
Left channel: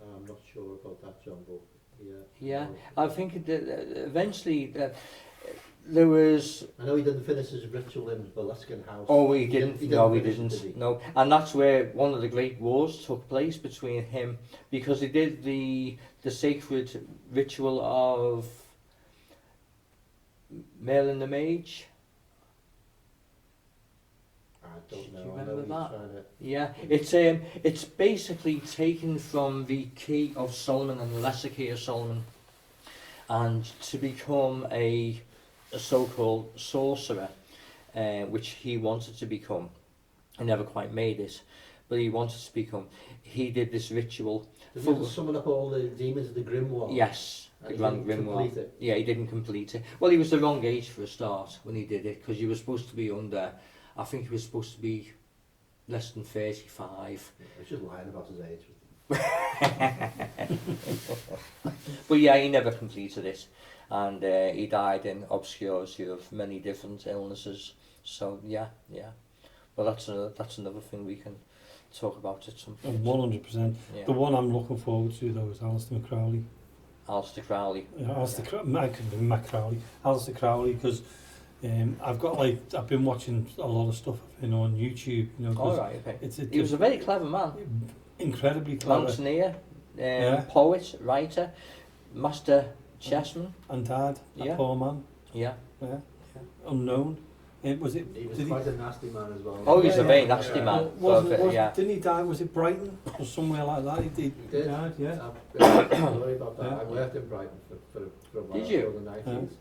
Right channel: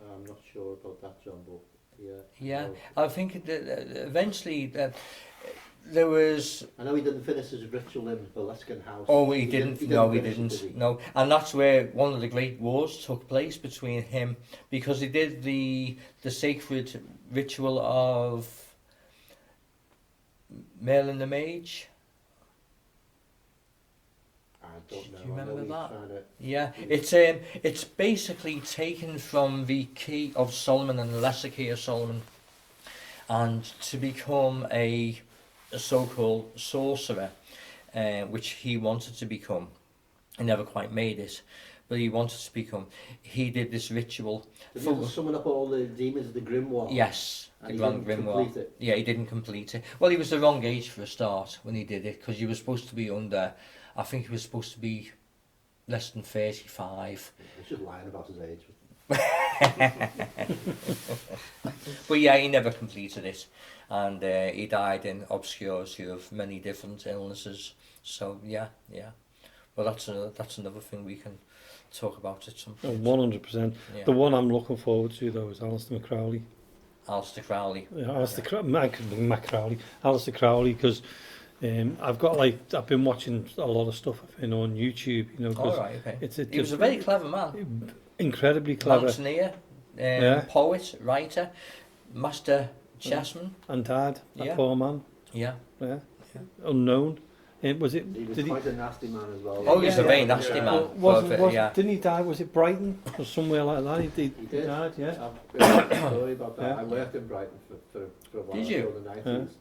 I'm not sure about that, John, but yeah. Yeah, No. I think that eventually there was. I know he didn't finish his ritual in Boleskine House. Oh, he didn't. No, he finish it, didn't. did he? No, and that's where one of the great wars took place between him, because he did the sacred ritual of Merlin the Mage. I don't know. Do you I know remember he's that? trying to- Yeah, it's basically taken from the Key of Solomon and the Lesser Key of Solomon, and to become a so-called sorcerer, which he wanted to become. He never quite made it, but he wanted to become. He did this ritual. Did he have to summon up all the demons of the Grimoire? Yes, And the he Grand didn't Grimoire. complete it? Yeah, he didn't complete it. Well, he was the wrong age for a start when he did it, because he was supposed to be under, I think he was supposed to be less than 35. He's just lying about his age. But yeah, he never completed it, and he died in obscurity of many different illnesses. So yeah. Well, that's another thing we can talk about at some point. 100%. Yeah. The one I'm looking forward to though is Aleister Crowley. Aleister Crowley. Yeah, Mac Crowley. Aleister Crowley, because I've been watching a lot of stuff on YouTube. You know, 'cause All right, okay. it's He was a very clever man. incredibly clever. Mountaineer, Yeah. poet, writer, master chessman. And dad, that Yeah. poor man. Yeah. Yeah. Unknown. Was it? He was Did quite a nasty man as well. Oh, he's a Yeah, very yeah. nasty man. Yeah. Didn't he die? Was it Brighton or somewhere like that? He did. died. Yeah. I've sorry about that. Yeah. I worked in Brighton for a while. Did you? In the 90s.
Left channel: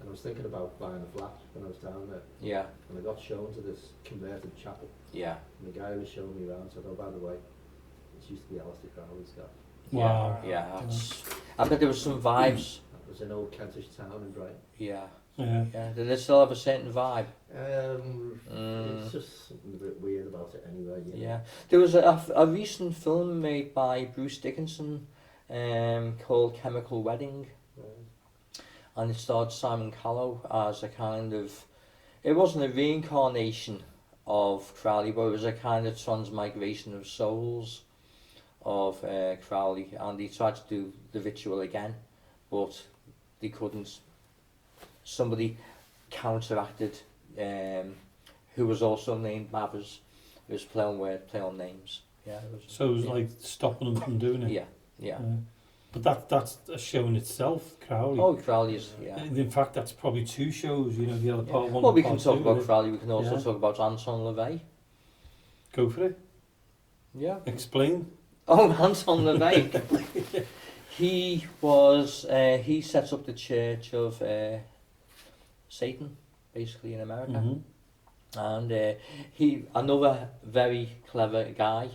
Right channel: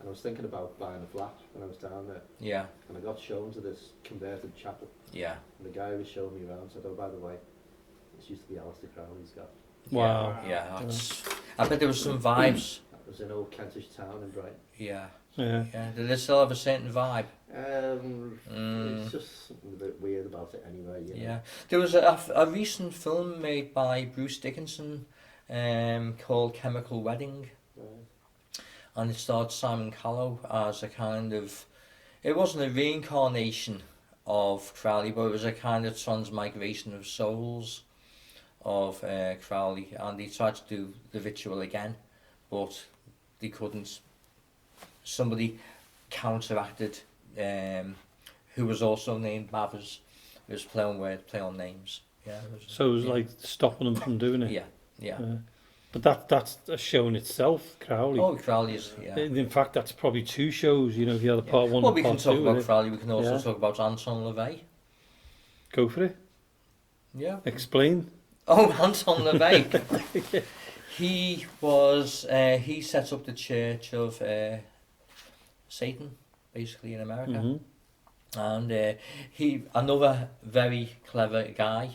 And I was thinking about buying a flat when I was down there. Yeah. And I got shown to this converted chapel. Yeah. And the guy who was showing me around said, oh, by the way, this used to be Aleister Crowley's guy. Wow. Yeah. That's. I bet there was some vibes. That was in old Kentish town in Brighton. Yeah. Yeah. Yeah. Did it still have a certain vibe? It's just something a bit weird about it anyway. You know? Yeah. There was a recent film made by Bruce Dickinson, called Chemical Wedding. Right. And it starred Simon Callow as a kind of, it wasn't a reincarnation of Crowley, but it was a kind of transmigration of souls of Crowley, and he tried to do the ritual again, but they couldn't. Somebody counteracted, who was also named Mathers. It was play on words, play on names. Yeah. So it was like stopping them from doing it. Yeah. But that's a show in itself, Crowley. Oh, Crowley is, yeah. In fact, that's probably two shows. You know, the other part one. Well, and we can part talk two, about innit? Crowley. We can also Yeah. talk about Anton LaVey. Go for it. Yeah. Explain. Oh, Anton LaVey. He set up the Church of Satan, basically in America. Mm-hmm. And another very clever guy,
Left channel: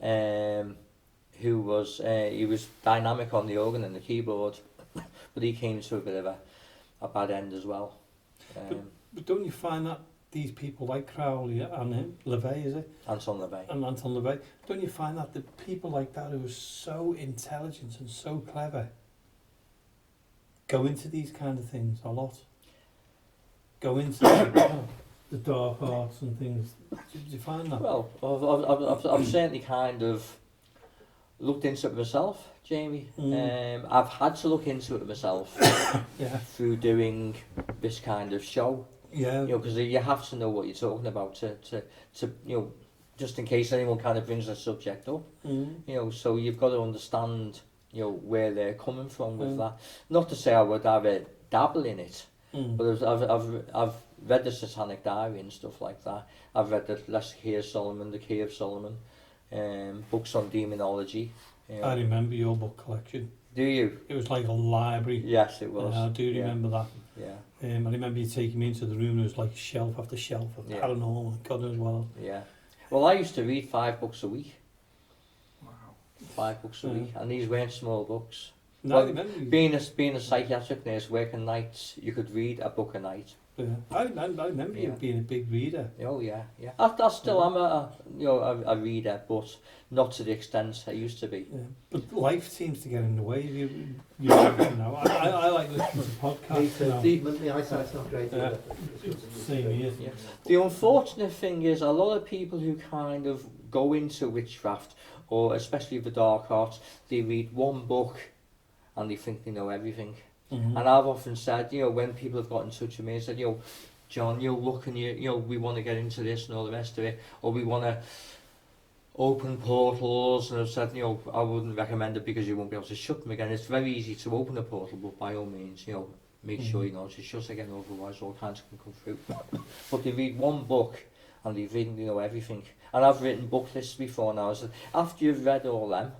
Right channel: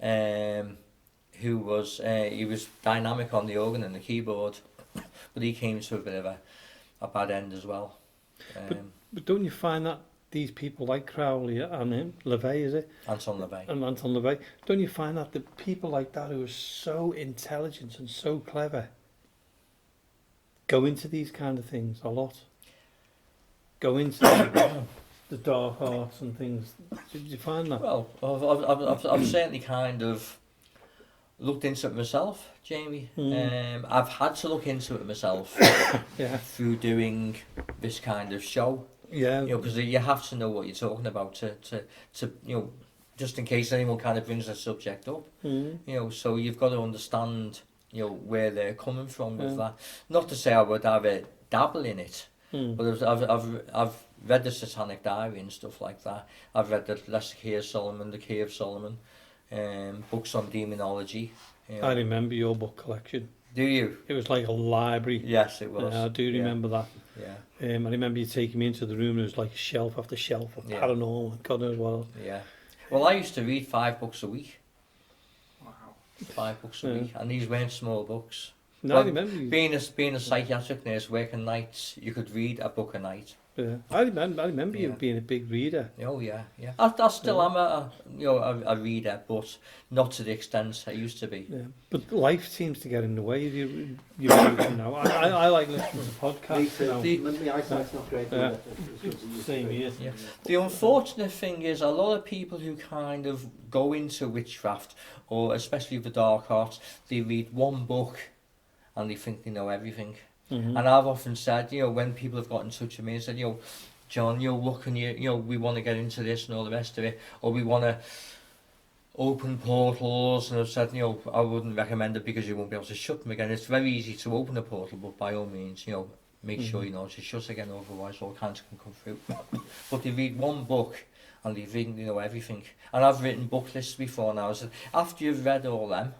who was he was dynamic on the organ and the keyboard, but he came to a bit of a bad end as well. But don't you find that these people like Crowley and him, LaVey, is it? Anton LaVey. And Anton LaVey, don't you find that the people like that who are so intelligent and so clever go into these kind of things a lot? Go into the dark arts and things. Did you find that? Well, I've certainly kind of looked into it myself, Jamie. I've had to look into it myself Yeah. through doing this kind of show. Yeah. You know, because you have to know what you're talking about to you know, just in case anyone kind of brings the subject up. Mm. You know, so you've got to understand, you know, where they're coming from with that. Not to say I would have a dabble in it, but I've read the Satanic Diary and stuff like that. I've read the Lesser Key of Solomon, the Key of Solomon, books on demonology. You know. I remember your book collection. Do you? It was like a library. Yes, it was. I do remember that. Yeah. I remember you taking me into the room and it was like shelf after shelf of paranormal and God knows what else. Yeah. Well, I used to read 5 books a week. Wow. 5 books a week, and these weren't small books. No, I remember you. Being a psychiatric nurse, working nights, you could read a book a night. Yeah. I remember you being a big reader. Oh yeah. I still am a reader, but not to the extent I used to be. Yeah. But life seems to get in the way. You know, I like listening to podcasts. Me too. My eyesight's not great. Yeah. Same here. Yeah. The unfortunate thing is a lot of people who kind of go into witchcraft, or especially the dark arts, they read one book and they think they know everything. Mm-hmm. And I've often said, you know, when people have got in touch with me and said, you know, John, you know, look, and you know, we want to get into this and all the rest of it, or we want to open portals, and I've said, you know, I wouldn't recommend it because you won't be able to shut them again. It's very easy to open a portal, but by all means, you know, make sure you know to shut again, otherwise all kinds can come through. But they read one book and they read, you know, everything. And I've written book lists before now. I said, after you've read all them,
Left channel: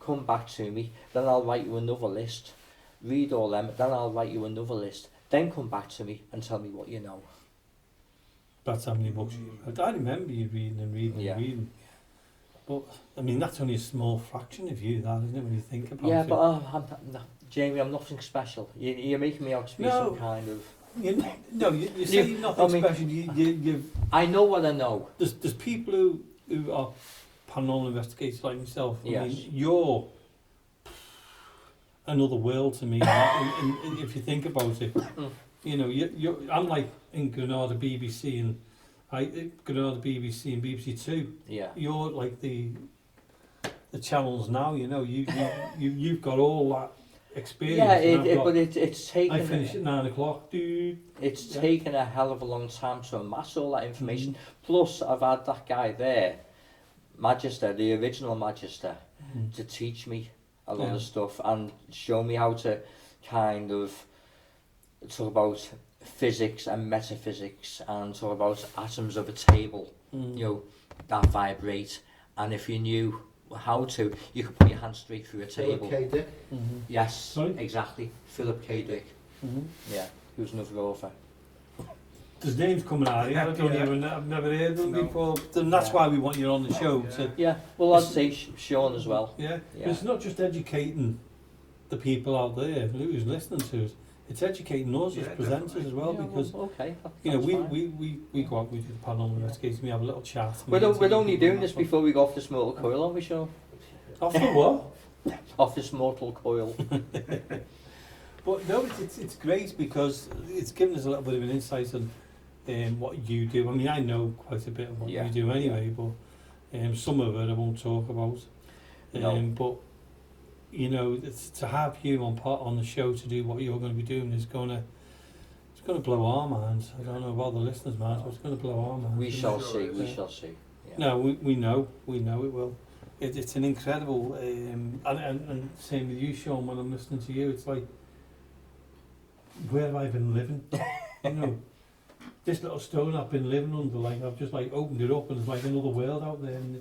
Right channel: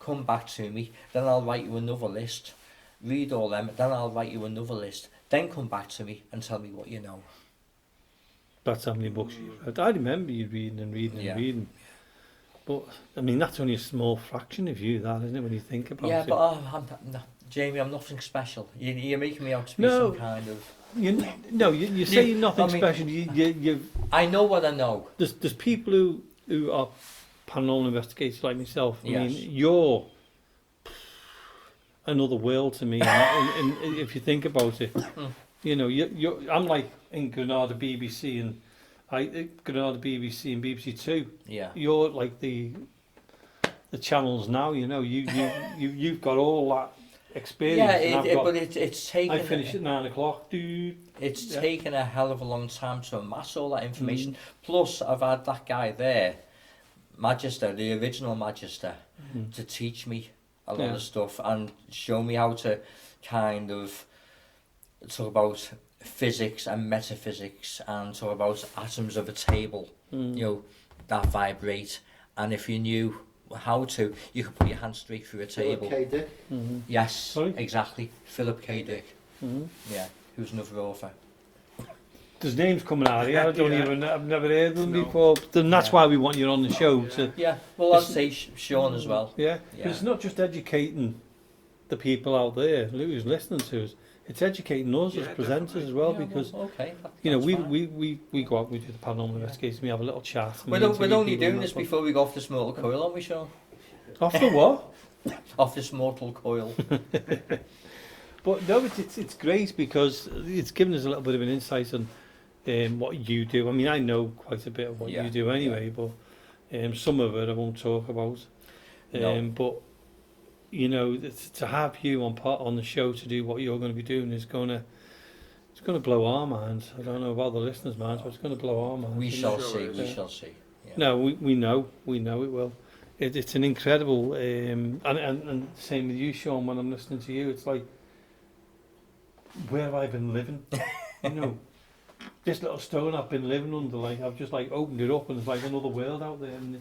come back to me, then I'll write you another list. Read all them, then I'll write you another list. Then come back to me and tell me what you know. That's how many books you read. I remember you reading and reading. But, I mean, that's only a small fraction of you, that, isn't it, when you think about it? Yeah, but Jamie, I'm nothing special. You're making me out to be some kind of... You say you're nothing special. I know what I know. There's people who are paranormal investigators like myself. I Yes. mean, you're another world to me. and if you think about it, you know, I'm like in Granada BBC and BBC Two. Yeah. You're like the channels now. You know, you've got all that experience. Yeah, but it's taken. I finish at 9 o'clock, dude. It's taken a hell of a long time to amass all that information. Plus, I've had that guy there, Magister, the original Magister, to teach me a lot of stuff and show me how to kind of talk about physics and metaphysics and talk about atoms of a table, you know, that vibrate. And if you knew how to, you could put your hand straight through a table. Philip K. Dick. Yes, Sorry? exactly. Philip K. Dick. Yeah, who's another author. There's names coming out here. I've never heard of them before. Then that's why we want you on the show. Yeah, well, I'd say Shaun as well. Yeah, it's not just educating the people out there who's listening to us. It's educating us as presenters as well, because you know we go out, we do the paranormal investigation, we have a little chat. We're only doing this before we go off this mortal coil, aren't we, Shaun? Off the what? Off this mortal coil. But no, it's great because it's given us a little bit of an insight on what you do. I mean, I know quite a bit of what you do anyway, but some of it I won't talk about. But you know, to have you on the show to do what you're going to be doing is going to blow our minds. I don't know about the listeners' minds, but it's going to blow our minds. We shall see. We shall see. Yeah. No, we know it will. It's an incredible and same with you, Shaun. When I'm listening to you, it's like, where have I been living? You know, this little stone I've been living under, like I've just like opened it up and there's like another world out there, and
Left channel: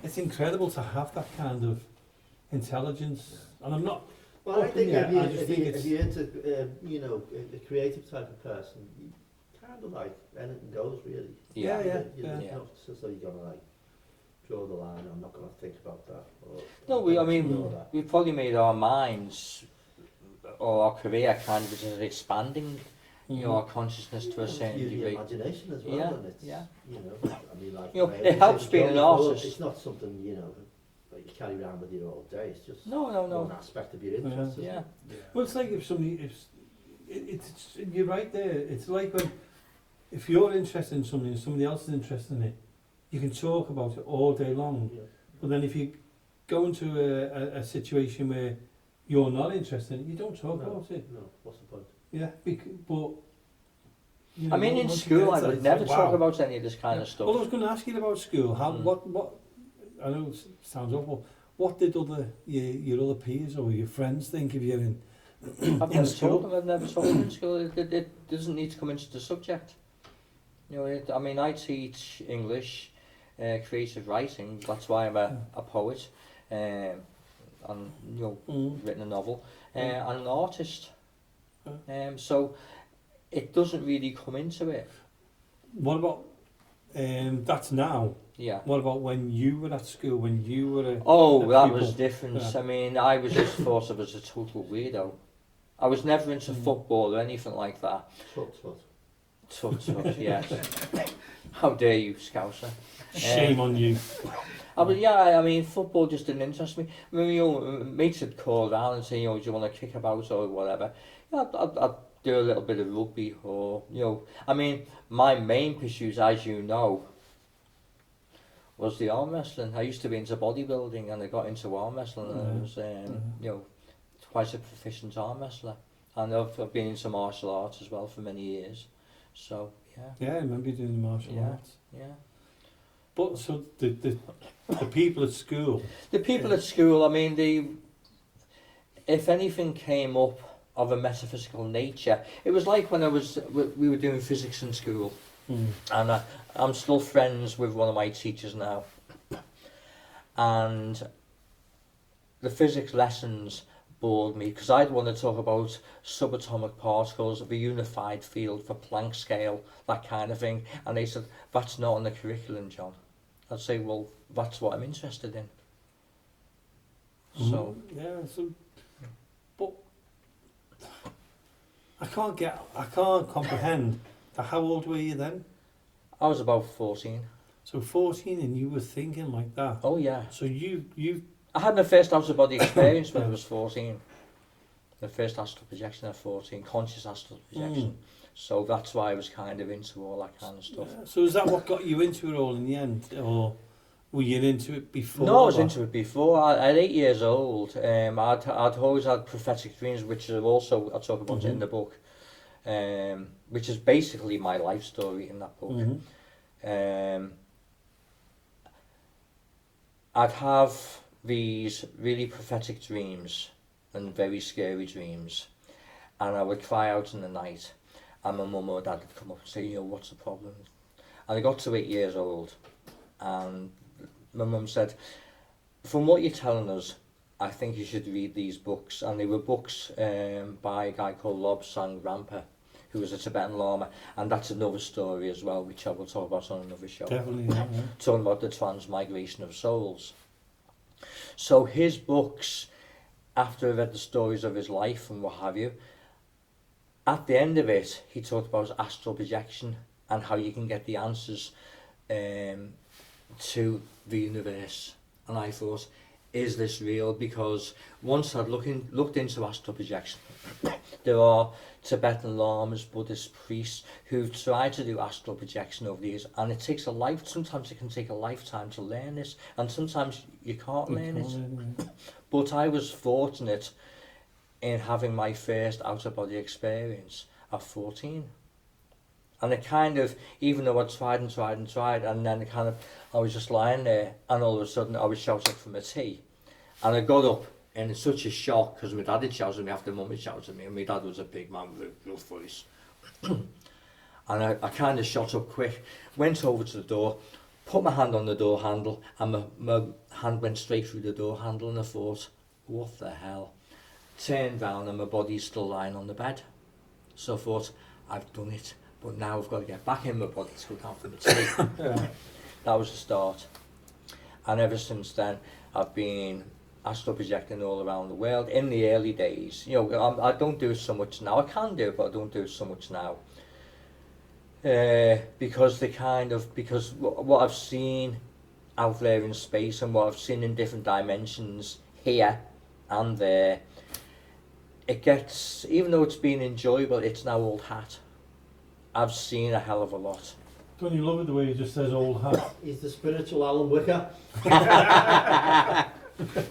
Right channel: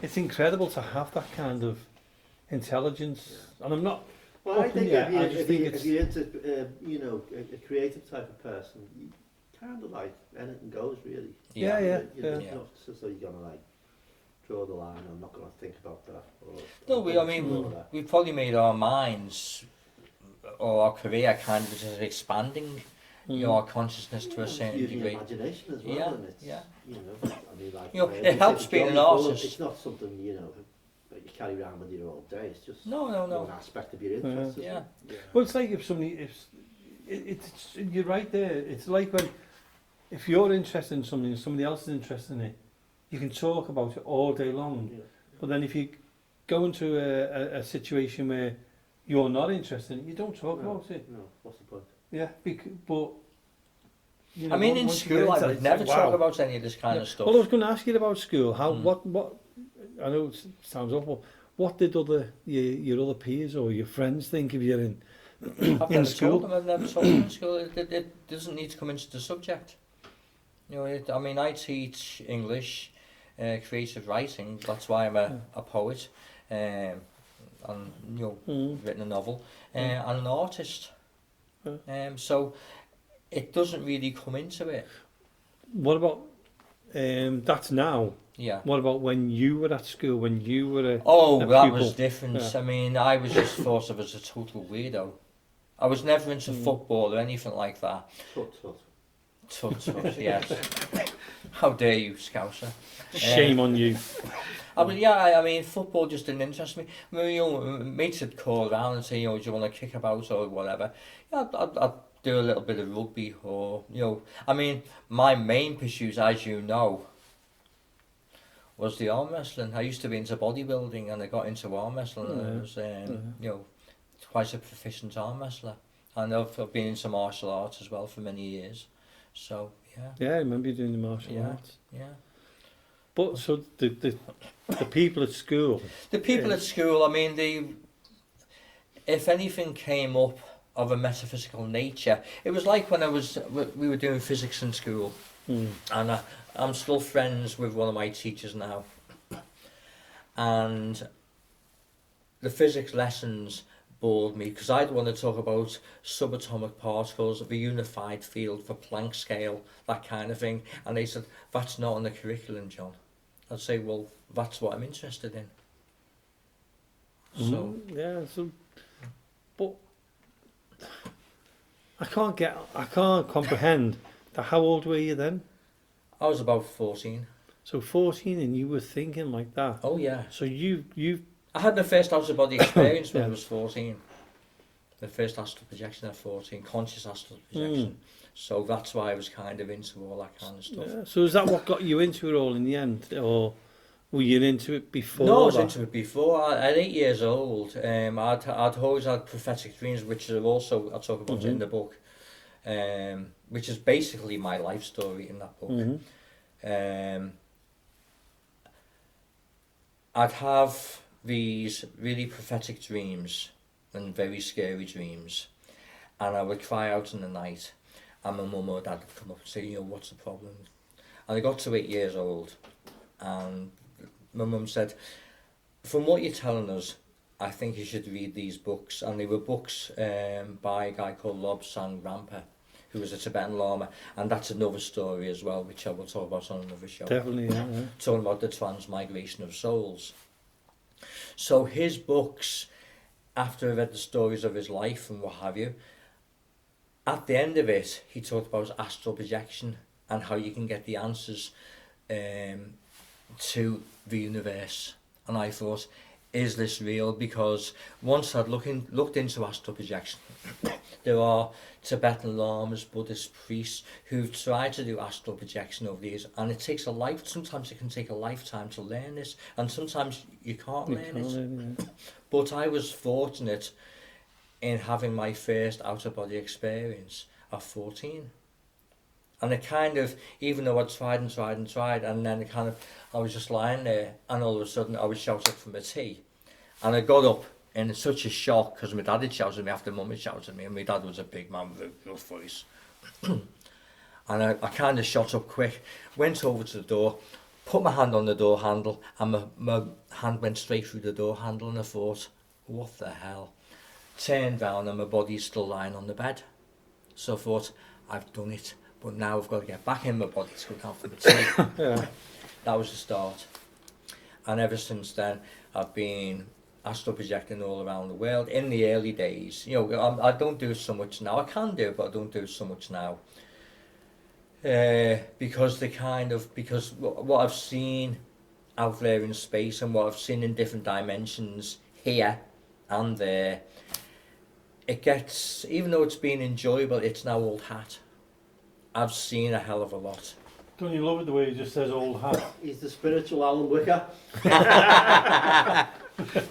it's incredible to have that kind of intelligence and I'm not. Well, I think Yeah, I just if think you, it's- if you're into, you know, a creative type of person, you kind of like anything goes, really. Yeah. You know, Yeah. not so you're gonna like draw the line. I'm not gonna think about that. Or, No, or I mean, explore that. we've probably made our minds or our career kind of just expanding, you know, our consciousness to a certain Use your degree. imagination as well, Yeah, and it's, yeah. you know, I mean, like, You know, my it helps it's being an jolly cool. artist. It's not something, you know, that you carry around with you all day. It's just No. one aspect of your interest. isn't Yeah. it? Well, it's like if somebody, it's you're right there. It's like when if you're interested in something and somebody else is interested in it, you can talk about it all day long. Yeah. But then if you go into a situation where you're not interested in it, you don't talk No. about it. No, what's the point? Yeah, but you know, I mean, in once you school, get I into would it, never it's talk wow. about any of this kind of stuff. Well, I was going to ask you about school. How Mm. what I know it sounds awful. What did your other peers or your friends think of you in I've in never school? told them, I've never told them in school. It doesn't need to come into the subject. You know, I mean, I teach English, creative writing. That's why I'm a poet, and you know, written a novel, and an artist. So it doesn't really come into it. What about that's now? Yeah. What about when you were at school? When you were a Oh, that pupil? was different. Yeah. I mean, I was just thought of as a total weirdo. I was never into football or anything like that. Tut, tut. Tut, yes. How dare you, Scouser? Shame on you. I mean, football just didn't interest me. I mean, you know, mates would call around and say, you know, do you want to kick about or whatever? Yeah, I'd do a little bit of rugby or, you know. I mean, my main pursuit, as you know, was the arm wrestling. I used to be into bodybuilding and I got into arm wrestling and I was, you know, quite a proficient arm wrestler. And I've been into martial arts as well for many years. So, yeah. Yeah, I remember you doing the martial Yeah. arts. Yeah. But so the people at school. The people at school, I mean, if anything came up of a metaphysical nature, it was like when we were doing physics in school, and I'm still friends with one of my teachers now, and the physics lessons bored me because I'd want to talk about subatomic particles of a unified field for Planck scale, that kind of thing, and they said, that's not on the curriculum, John. I'd say, well, that's what I'm interested in. So, But I can't comprehend how old were you then? I was about 14. So 14 and you were thinking like that. Oh yeah. So you I had my first out of body experience when I Yeah. was 14. The first astral projection at 14, conscious astral projection. So that's why I was kind of into all that kind of stuff. Yeah. So is that what got you into it all in the end, or were you into it before? No, I was that? into it before. At 8 years old, I'd always had prophetic dreams, which are also, I talk about it in the book, which is basically my life story in that book. I'd have these really prophetic dreams and very scary dreams, and I would cry out in the night, and my mum or dad would come up and say, you know, what's the problem? And I got to 8 years old, and my mum said, from what you're telling us, I think you should read these books. And they were books by a guy called Lobsang Rampa, who was a Tibetan Lama, and that's another story as well, which I will talk about on another show. Definitely, yeah. Talking about the transmigration of souls. So his books, after I read the stories of his life and what have you, at the end of it, he talked about astral projection and how you can get the answers to the universe. And I thought, is this real? Because once I'd looked into astral projection, there are Tibetan lamas, Buddhist priests who've tried to do astral projection over the years, and it takes sometimes it can take a lifetime to learn this, and sometimes you can't learn it. But I was fortunate in having my first out-of-body experience at 14. And it kind of, even though I'd tried, and then it kind of, I was just lying there, and all of a sudden I was shouted from a tea. And I got up in such a shock, because my dad had shouted at me after mum had shouted at me, and my dad was a big man with a rough voice. And I kind of shot up quick, went over to the door, put my hand on the door handle, and my hand went straight through the door handle, and I thought, what the hell? Turned round and my body's still lying on the bed. So I thought, I've done it, but now I've got to get back in my body to go down for the tea. Yeah. That was the start. And ever since then, I've been astral projecting all around the world. In the early days, you know, I don't do it so much now. I can do it, but I don't do it so much now. Because what I've seen out there in space and what I've seen in different dimensions here and there, it gets, even though it's been enjoyable, it's now old hat. I've seen a hell of a lot. Don't you love it the way he just says old hat? He's the spiritual Alan Wicca.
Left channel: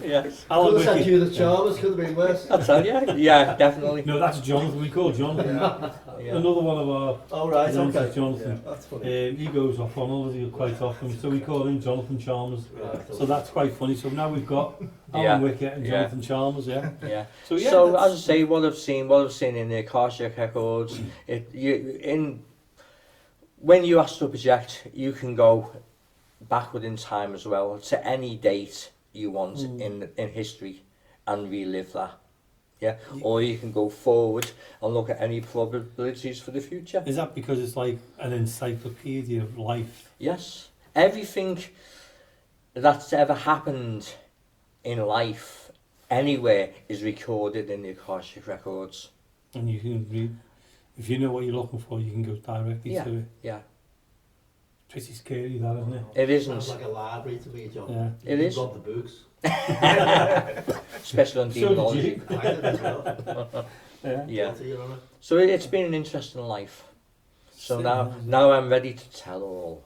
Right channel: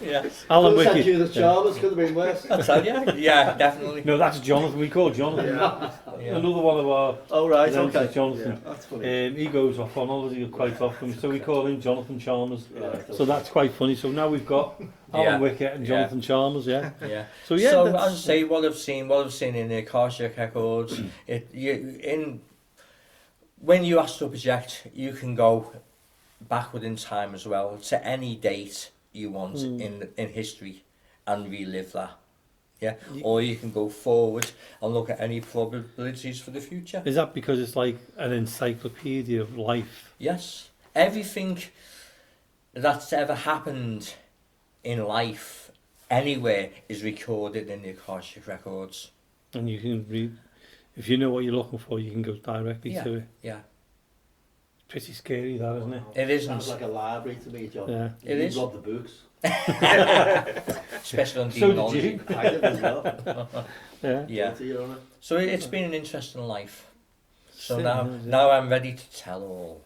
Yeah. Alan Alan Wicca. Wicca. You the Chalmers could have been worse. I tell you, yeah, definitely. No, that's Jonathan. We call Jonathan. Yeah. Another one of our Oh right, names okay. is Jonathan. Yeah, that's funny. He goes off on holiday quite often, so we call him Jonathan Chalmers. So that's quite funny. So now we've got Alan Yeah. Wicca and Yeah. Jonathan Chalmers, yeah. Yeah. So yeah, So that's- as I say, what I've seen in the Akashic records, when you astral project, you can go backward in time as well to any date you want in history and relive that. Yeah. Or you can go forward and look at any probabilities for the future. Is that because it's like an encyclopedia of life? Yes. Everything that's ever happened in life anywhere is recorded in the Akashic records. And you can read, if you know what you're looking for, you can go directly to it. Yeah. Pretty scary, that, isn't it? It isn't. Sounds like a library to me, John. Yeah. It You is. love the books. Especially on So did demonology. you. I did as well. Yeah. Yeah. Guilty, Your Honour. So it's been an interesting life. So Yeah. now I'm ready to tell all.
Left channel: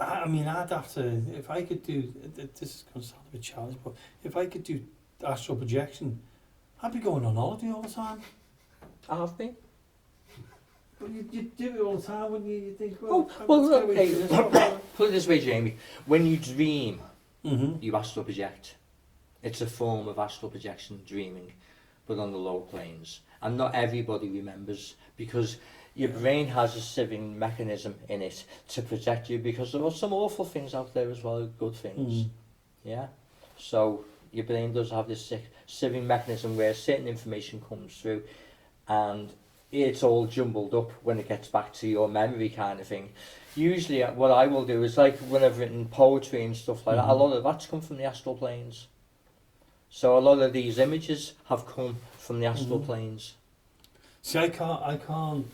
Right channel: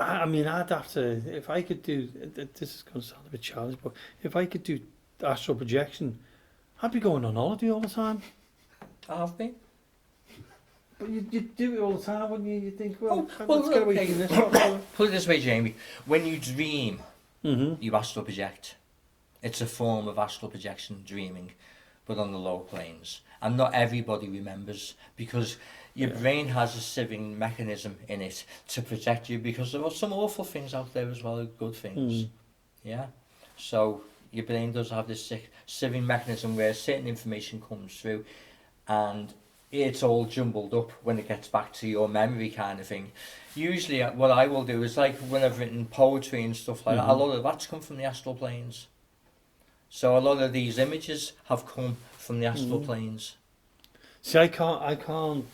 I mean, I'd have to, if I could do, this is going to sound a bit childish, but if I could do astral projection, I'd be going on holiday all the time. I have been. But you do it all the time, wouldn't you? You think, well, Well, let's get away okay. from this. Whatever. Put it this way, Jamie. When you dream, Mm-hmm. you astral project. It's a form of astral projection, dreaming, but on the low planes. And not everybody remembers, because your brain has a sieving mechanism in it to protect you, because there are some awful things out there as well as good things. Yeah. So your brain does have this sieving mechanism where certain information comes through and it's all jumbled up when it gets back to your memory kind of thing. Usually what I will do is, like when I've written poetry and stuff like that, a lot of that's come from the astral planes. So a lot of these images have come from the astral planes. See, I can't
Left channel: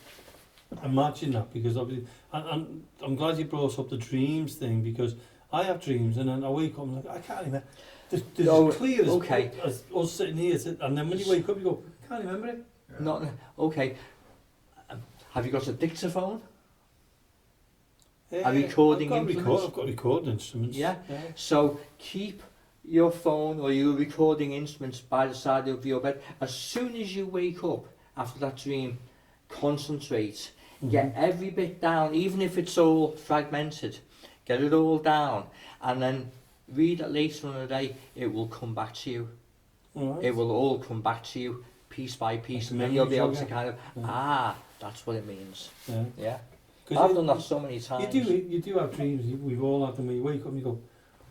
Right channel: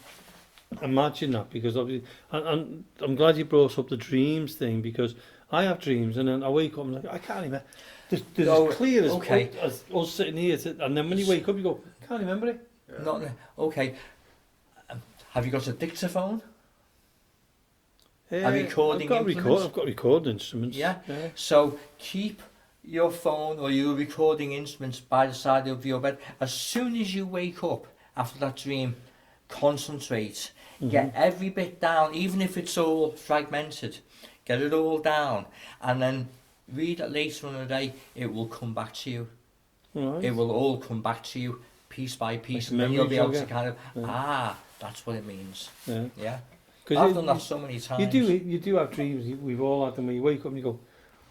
imagine that, because obviously, and I'm glad you brought up the dreams thing, because I have dreams and then I wake up and I'm like, I can't remember. There's Oh, as clear as, okay. as us sitting here, and then when you wake up, you go, can't remember it. Not okay. Have you got a dictaphone? A recording implement? I've got recording instruments. Yeah. So keep your phone or your recording instruments by the side of your bed. As soon as you wake up after that dream, concentrate. Get every bit down, even if it's all fragmented. Get it all down, and then read it later in the day. It will come back to you. Right. It will all come back to you, piece by piece, Like and then you'll be able memory to kind of, Yeah. that's what it means. Yeah. Yeah. 'Cause I've you- done that so many times. You do have dreams. We've all had them where you wake up and you go,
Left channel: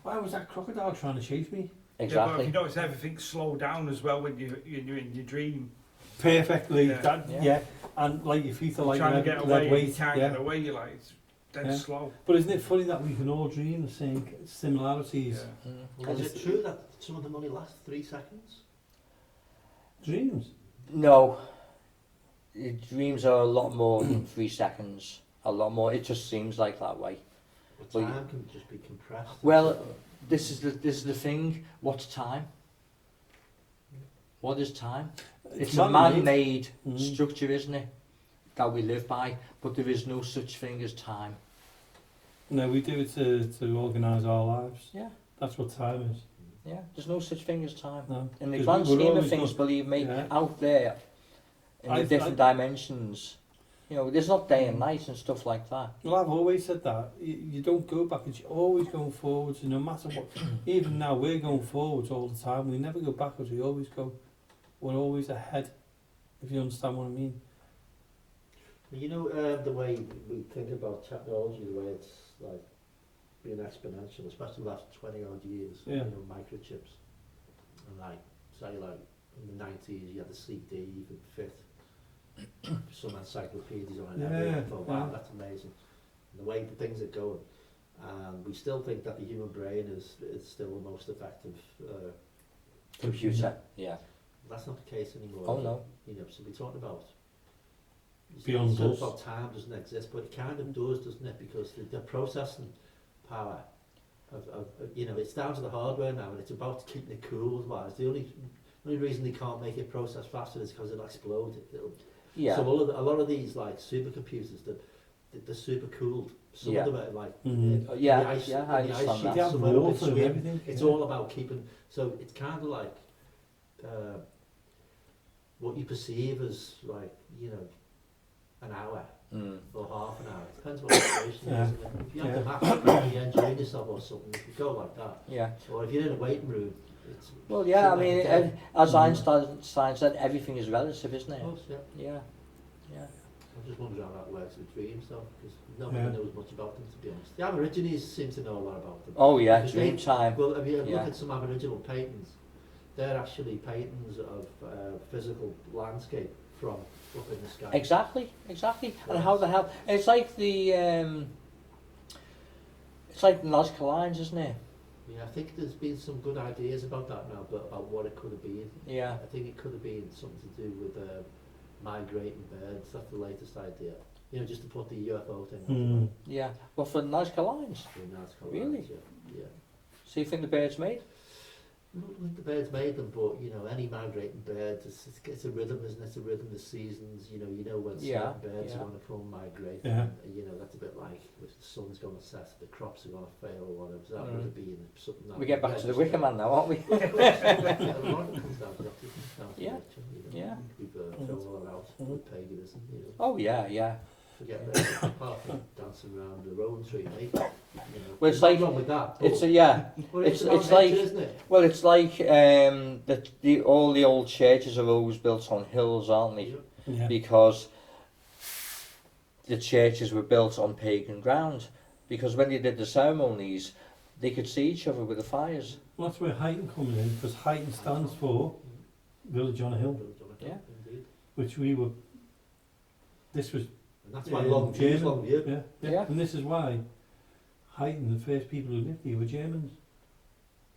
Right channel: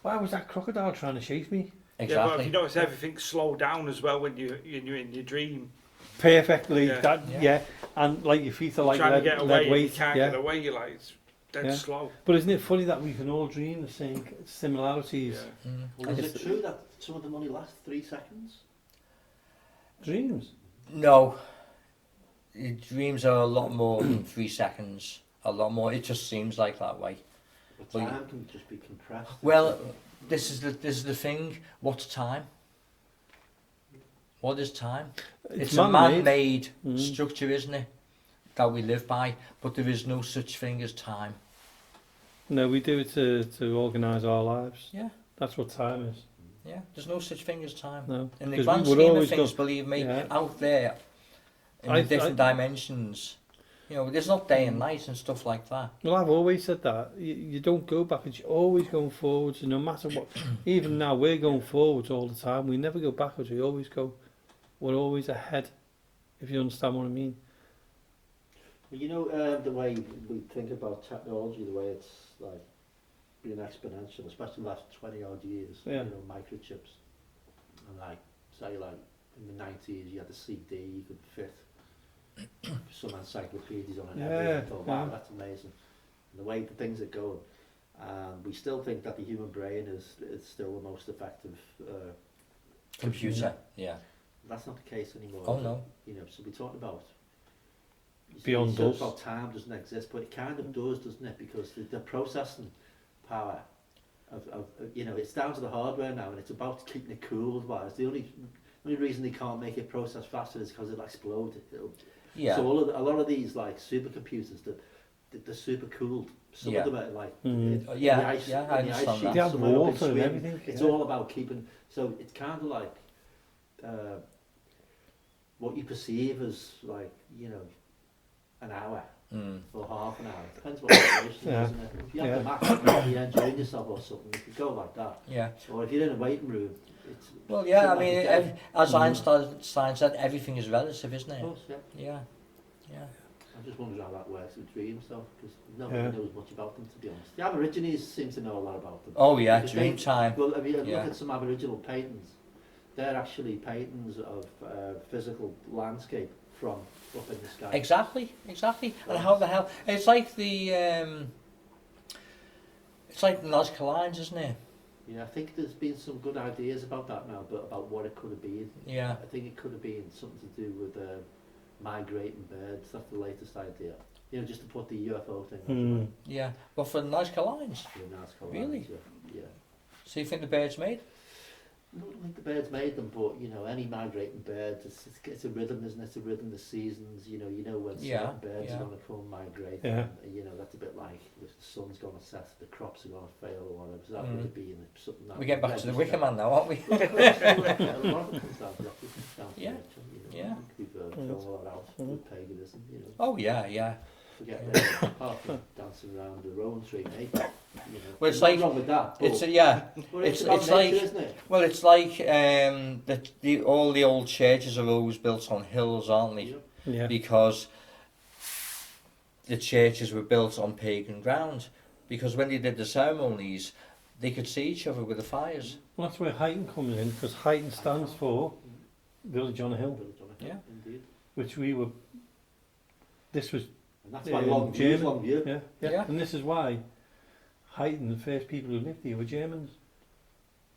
why was that crocodile trying to chase me? Yeah, but Exactly. you notice everything slow down as well when you're in your dream. Perfectly. Yeah. Yeah. Yeah. And like your feet are like Trying to get away, and you weight. can't Yeah. get away. You're like, it's dead Yeah. slow. But isn't it funny that we can all dream the same similarities? Yeah. Well, is it true that some of them only last 3 seconds? Dreams. No. Your dreams are a lot more than 3 seconds. A lot more. It just seems like that way. But Well, time can just be compressed. Well, this is the thing. What's time? What is time? It's a man-made structure, isn't it? That we live by, but there is no such thing as time. No, we do it to organise our lives. Yeah. That's what time is. Yeah, there's no such thing as time. No. In the 'Cause grand we're scheme of always things, go- believe me, Yeah. out there, in the different dimensions, you know, there's not day and night and stuff like that. Well, I've always said that. You don't go backwards, you're always going forwards, and no matter what. Even now, we're going forwards all the time. We never go backwards, we always go. We're always ahead, if you understand what I mean. You know, the way we think about technology, the way it's like been exponential, especially the last 20 odd years. Yeah. You know, microchips. And like, say like in the 90s you had the CD for fifth. Some encyclopedias on it. Yeah, Everyone thought, wow, yeah. that's amazing. And the way the things are going. We still think that the human brain is still the most effective Computer. Yeah. That's not the case anymore. Oh is it? no. You know, so we talked about Beyond us. about time doesn't exist, but it kind of does, doesn't it? Because the processing power of you know, it's down to the hardware now, and it's about keeping it cool. Otherwise, the only reason they can't make it process faster is because it'll explode. Yeah. So a lot of these like supercomputers, they're super cooled. Some Yeah. of them are like Mm. Yeah, the ice, yeah, I in the ice understand sheet, that. They have somewhere up in water and Sweden. everything. It's yeah. all about keeping. So it's kind of like what you perceive as like, you know, an hour or half an hour. It depends what the situation Yeah. is, isn't it? If you have Yeah. the map, you're enjoying yourself or something, you could go like that. Yeah. Or if you're in a waiting room, it's Well, yeah. I something mean, like a day. as Einstein said, everything is relative, isn't Of it? course, yeah. Yeah. Yeah. I just wonder how that works with dreams, though, because nobody Yeah. knows much about them, to be honest. The Aborigines seem to know a lot about them. Oh yeah, Because dream time. Well, if you Yeah. look at some Aboriginal paintings, they're actually paintings of physical landscape from up in the sky. Exactly. And how the hell? It's like the Nazca lines, isn't it? Yeah, I think there's been some good ideas about that now, but about what it could have been. Yeah. I think it could have been something to do with migrating birds. That's the latest idea. You know, just to put the UFO thing Mm. Yeah. Well, for the Nazca lines. Really? Yeah. So you think the bird's made? I don't think the birds made them, but you know, any migrating bird, it's a rhythm, isn't it? It's a rhythm of seasons. You know when Yeah, certain birds yeah. are going to come migrate. Yeah. And, you know, that's a bit like if the sun's going to set, the crops are going to fail or whatever. So that would have been something. That We get back to the register. Wicca man now, aren't we? Well, of course, a lot of it comes down to that. It comes down to Yeah. nature, you know. Yeah. We've thrown all that out with paganism. You know. Oh yeah, yeah. Forget that. Apart from dancing around the rowan tree, mate. You know. Well, it's There's like- nothing wrong with that. It's but- yeah. but it's- about it's like- nature, isn't it? Well, it's like all the old churches are always built on hills, aren't they? Yeah. Because the churches were built on pagan ground. Because when they did the ceremonies, they could see each other with the fires. Well, that's where Huyton comes in, because Huyton stands for Village on a Hill, Yeah. Indeed. which we were. This was And that's why long view, German. long view. Yeah. Yeah. And this is why Huyton, the first people who lived here, were Germans.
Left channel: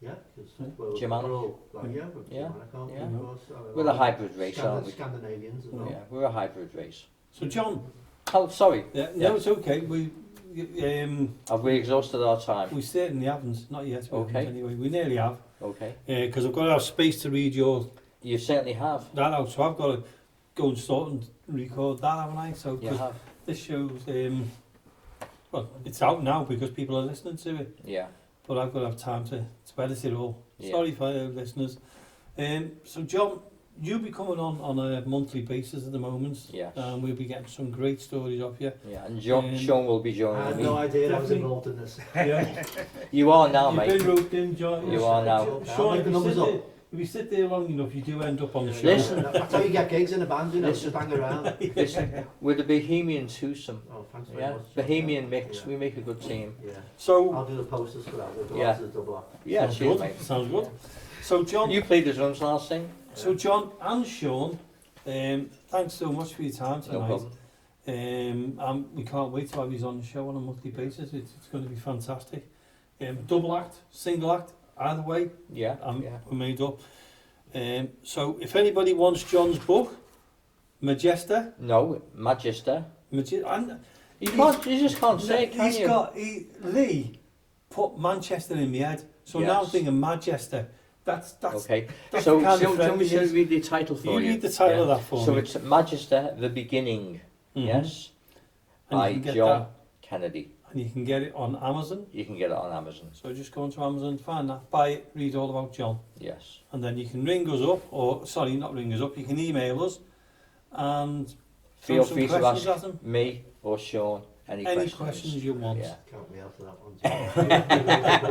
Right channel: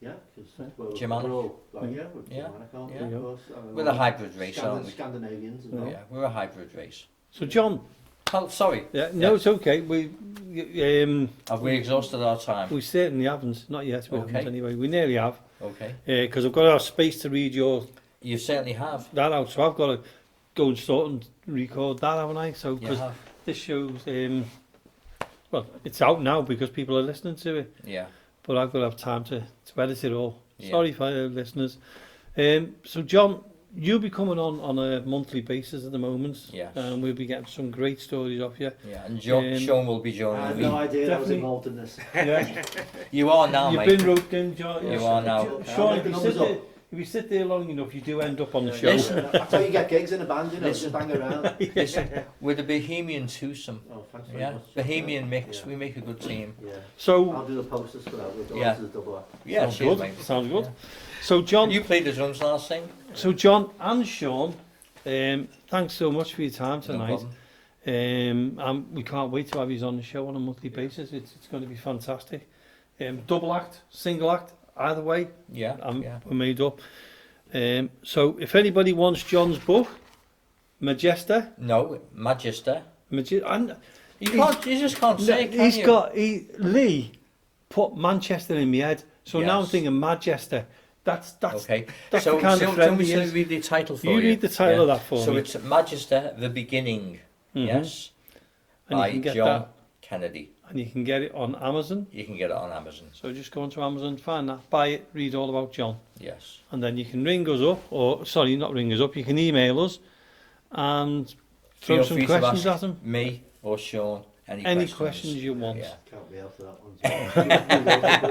Yeah, because Yeah. Germanic. we're all, like, Yeah. we're Yeah. Germanic, aren't we, Yeah. of course. We're a hybrid race, aren't we? Scandinavians as Yeah. well. Yeah, we're a hybrid race. So John, Oh, sorry. no, Yeah. it's okay. We Have we exhausted our time? we certainly haven't, not yet. We Okay. haven't anyway. We nearly have, Okay. because I've got to have space to read You certainly have. that out. So I've got to go and start and record that, haven't I? So You 'cause have. this shows, well, it's out now because people are listening to it. Yeah. But I've got to have time to edit it all. Yeah. Sorry for listeners. So John, you'll be coming on a monthly basis at the moment. Yes. And we'll be getting some great stories off you. Yeah. And Um, Sean will be I joining had me. no idea I was Definitely. involved in this. Yeah. You are now, You've mate. been roped in, John. You are now. I'll Sean, make if the you, numbers sit up. there, if you sit there long enough, you do end up on the show. Listen. That's how you get gigs in a band, you know, Listen. just hang around. Listen, we're the Bohemian twosome. Oh, thanks very Yeah. much. Bohemian mix. Yeah. We make a good team. Yeah. So, I'll do the posters for that. We'll go Yeah. to the double act. Yeah, sounds cheers, good. mate. Sounds good. Yeah. So John, You played the drums and I'll sing. so John and Sean, thanks so much for your time No tonight. problem. We can't wait to have you on the show on a monthly basis. It's going to be fantastic. Double act, single act, either way, Yeah. Yeah. we're made up. So if anybody wants John's book, Majesta, No, Magister. and You can't. You just can't say it, can you? Lee put Manchester in my head, so now I'm Yes. thinking Manchester. That's Okay. that's So, the kind of can friend we he should is. read the title for You you? read the title of that for So me. it's Magister, the Beginning. Mhm. Yes. And you By can get John that, Kennedy. and you can get it on Amazon. You can get it on Amazon. So just go onto Amazon, find that, buy it, read all about John. Yes. And then you can ring us up, or sorry, not ring us up, you can email us and throw Feel some free to questions ask at them. me or Sean any Questions you want. Yeah. Can't be after that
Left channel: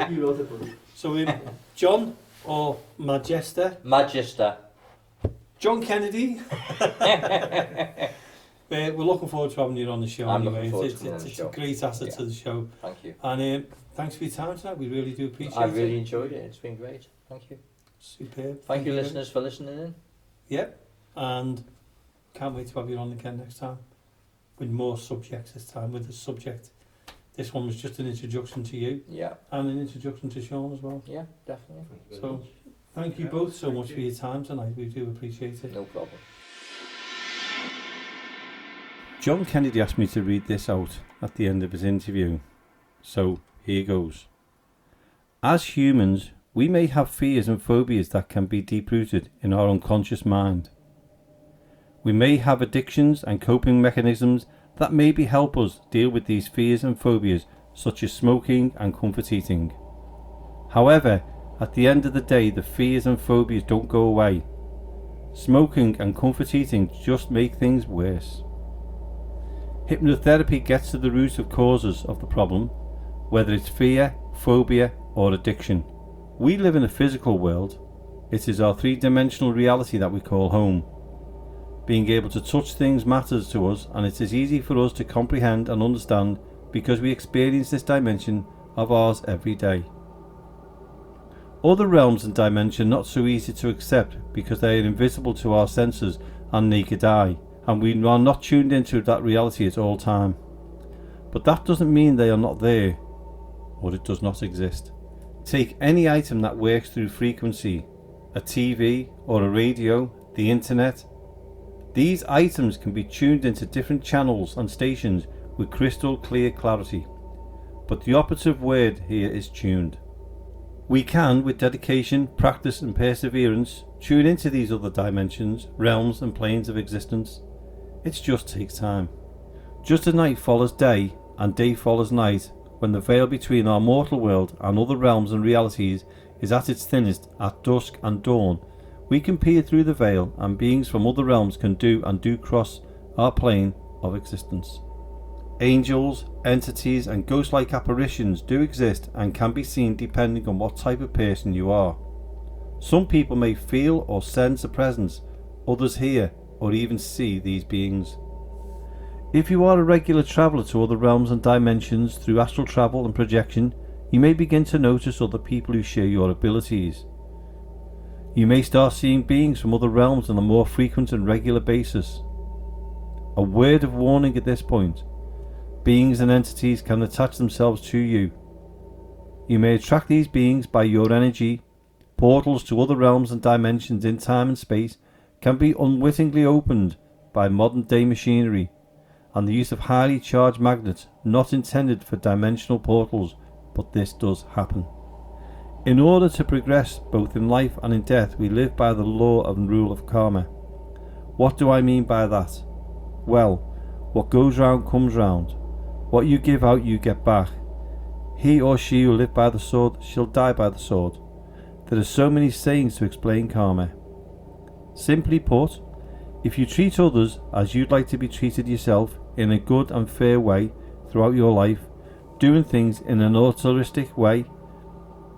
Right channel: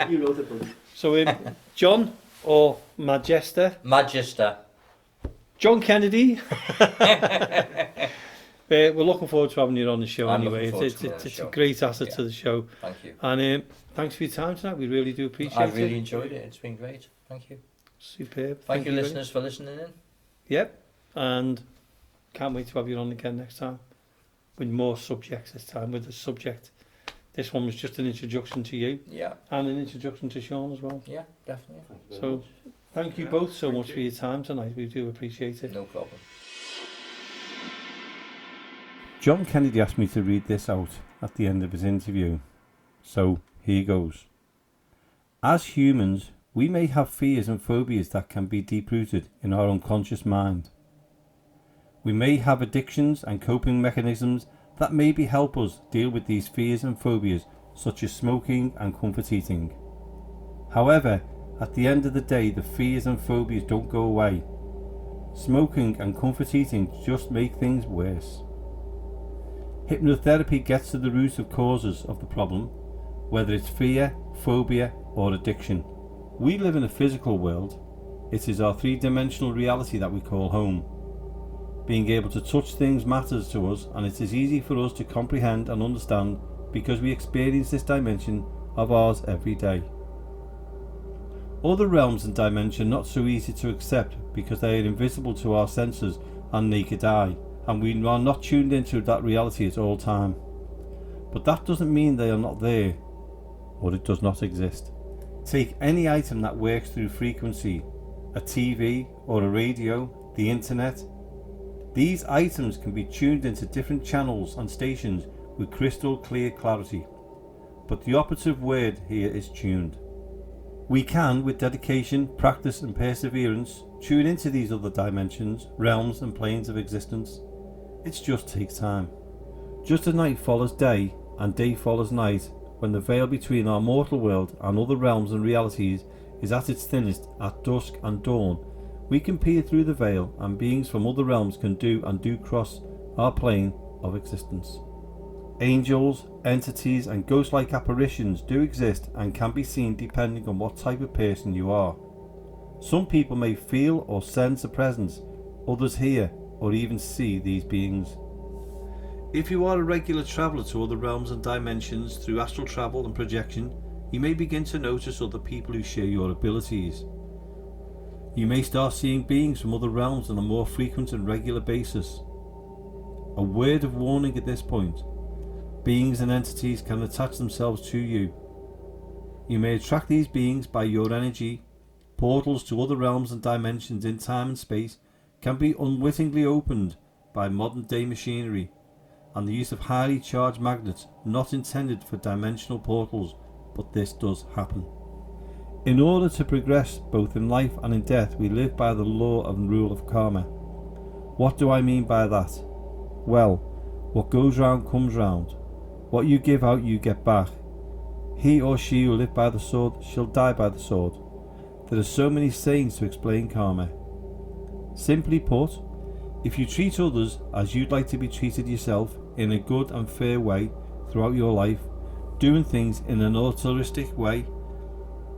one. You wrote it, buddy. So John or Majesta, Magister. John Kennedy, We're looking forward to having you on the show I'm anyway. looking forward to It's, coming on it's, the it's a show. great asset Yeah. to the show. Thank you. And thanks for your time tonight. We really do appreciate it. I really enjoyed it. It's been great. Thank you. Superb. Thank you, very listeners, for listening in. Yep, and can't wait to have you on again next time with more subjects this time with the subject. This one was just an introduction to you Yeah, and an introduction to Shaun as well. yeah, definitely. Thank you very So much. thank you Yeah, both so thank much you. for your time tonight. We do appreciate it. No problem. John Kennedy asked me to read this out at the end of his interview. So here goes. As humans, we may have fears and phobias that can be deep-rooted in our unconscious mind. We may have addictions and coping mechanisms that maybe help us deal with these fears and phobias, such as smoking and comfort eating. However, at the end of the day, the fears and phobias don't go away. Smoking and comfort eating just make things worse. Hypnotherapy gets to the root of causes of the problem, whether it's fear, phobia, or addiction. We live in a physical world. It is our three-dimensional reality that we call home. Being able to touch things matters to us, and it is easy for us to comprehend and understand because we experience this dimension of ours every day. Other realms and dimensions are not so easy to accept because they are invisible to our senses and naked eye, and we are not tuned into that reality at all time. But that doesn't mean they are not there, or it does not exist. Take any item that works through frequency, a TV or a radio, the internet. These items can be tuned into different channels and stations with crystal clear clarity. But the operative word here is tuned. We can, with dedication, practice and perseverance, tune into these other dimensions, realms and planes of existence. It just takes time. Just as night follows day and day follows night, when the veil between our mortal world and other realms and realities is at its thinnest at dusk and dawn, we can peer through the veil and beings from other realms can do cross our plane of existence. Angels, entities and ghost-like apparitions do exist and can be seen depending on what type of person you are. Some people may feel or sense a presence, others hear or even see these beings. If you are a regular traveller to other realms and dimensions through astral travel and projection, you may begin to notice other people who share your abilities. You may start seeing beings from other realms on a more frequent and regular basis. A word of warning at this point: beings and entities can attach themselves to you. You may attract these beings by your energy. Portals to other realms and dimensions in time and space can be unwittingly opened by modern day machinery and the use of highly charged magnets not intended for dimensional portals, but this does happen. In order to progress both in life and in death, we live by the law and rule of karma. What do I mean by that? Well, what goes round comes round. What you give out you get back. He or she who live by the sword shall die by the sword. There are so many sayings to explain karma. Simply put, if you treat others as you'd like to be treated yourself in a good and fair way throughout your life, doing things in an altruistic way,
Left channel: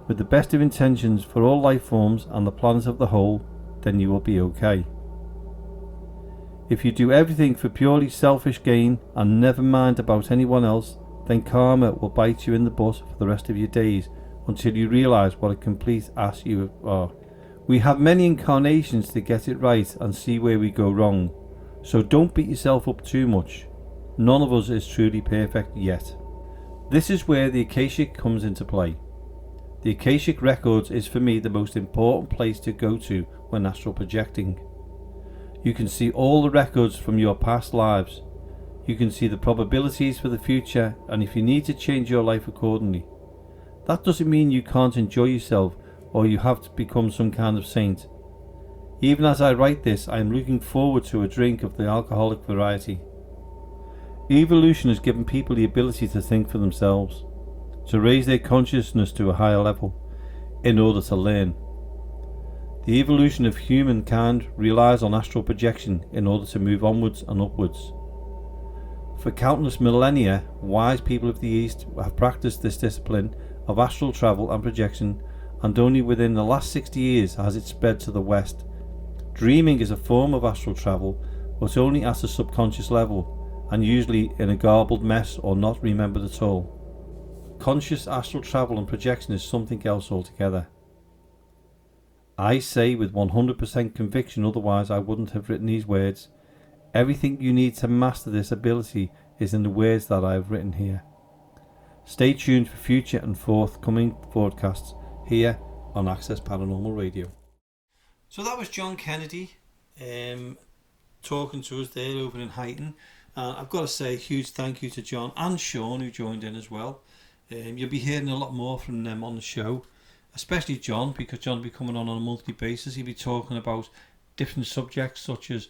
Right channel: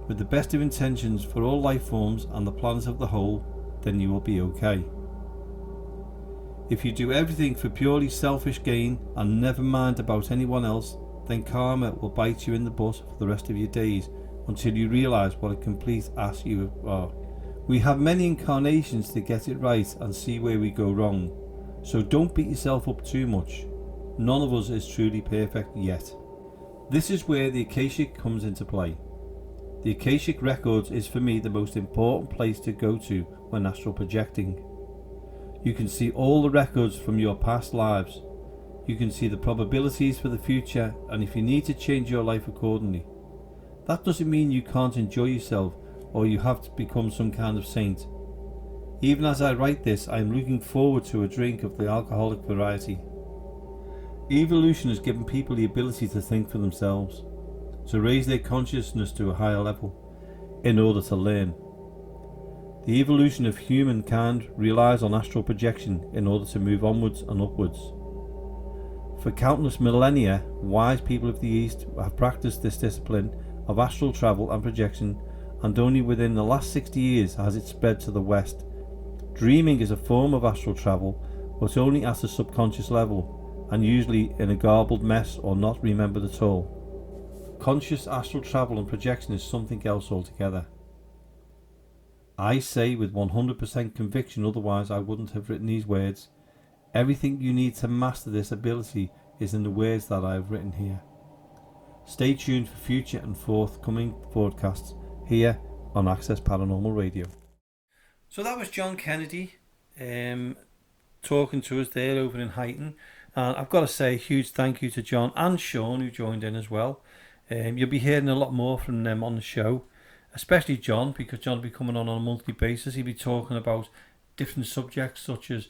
with the best of intentions for all life forms and the planet of the whole, then you will be okay. If you do everything for purely selfish gain and never mind about anyone else, then karma will bite you in the butt for the rest of your days until you realise what a complete ass you are. We have many incarnations to get it right and see where we go wrong, so don't beat yourself up too much. None of us is truly perfect yet. This is where the Akashic comes into play. The Akashic Records is for me the most important place to go to when astral projecting. You can see all the records from your past lives. You can see the probabilities for the future, and if you need to change your life accordingly. That doesn't mean you can't enjoy yourself or you have to become some kind of saint. Even as I write this, I am looking forward to a drink of the alcoholic variety. Evolution has given people the ability to think for themselves, to raise their consciousness to a higher level, in order to learn. The evolution of humankind relies on astral projection in order to move onwards and upwards. For countless millennia, wise people of the East have practiced this discipline of astral travel and projection, and only within the last 60 years has it spread to the West. Dreaming is a form of astral travel but only at a subconscious level, and usually in a garbled mess or not remembered at all. Conscious astral travel and projection is something else altogether. I say with 100% conviction, otherwise I wouldn't have written these words. Everything you need to master this ability is in the words that I have written here. Stay tuned for future and forthcoming broadcasts here on Access Paranormal Radio. So that was John Kennedy talking to us there over in Huyton. I've got to say a huge thank you to John and Shaun, who joined in as well. You'll be hearing a lot more from them on the show, especially John, because John will be coming on a monthly basis. He'll be talking about different subjects such as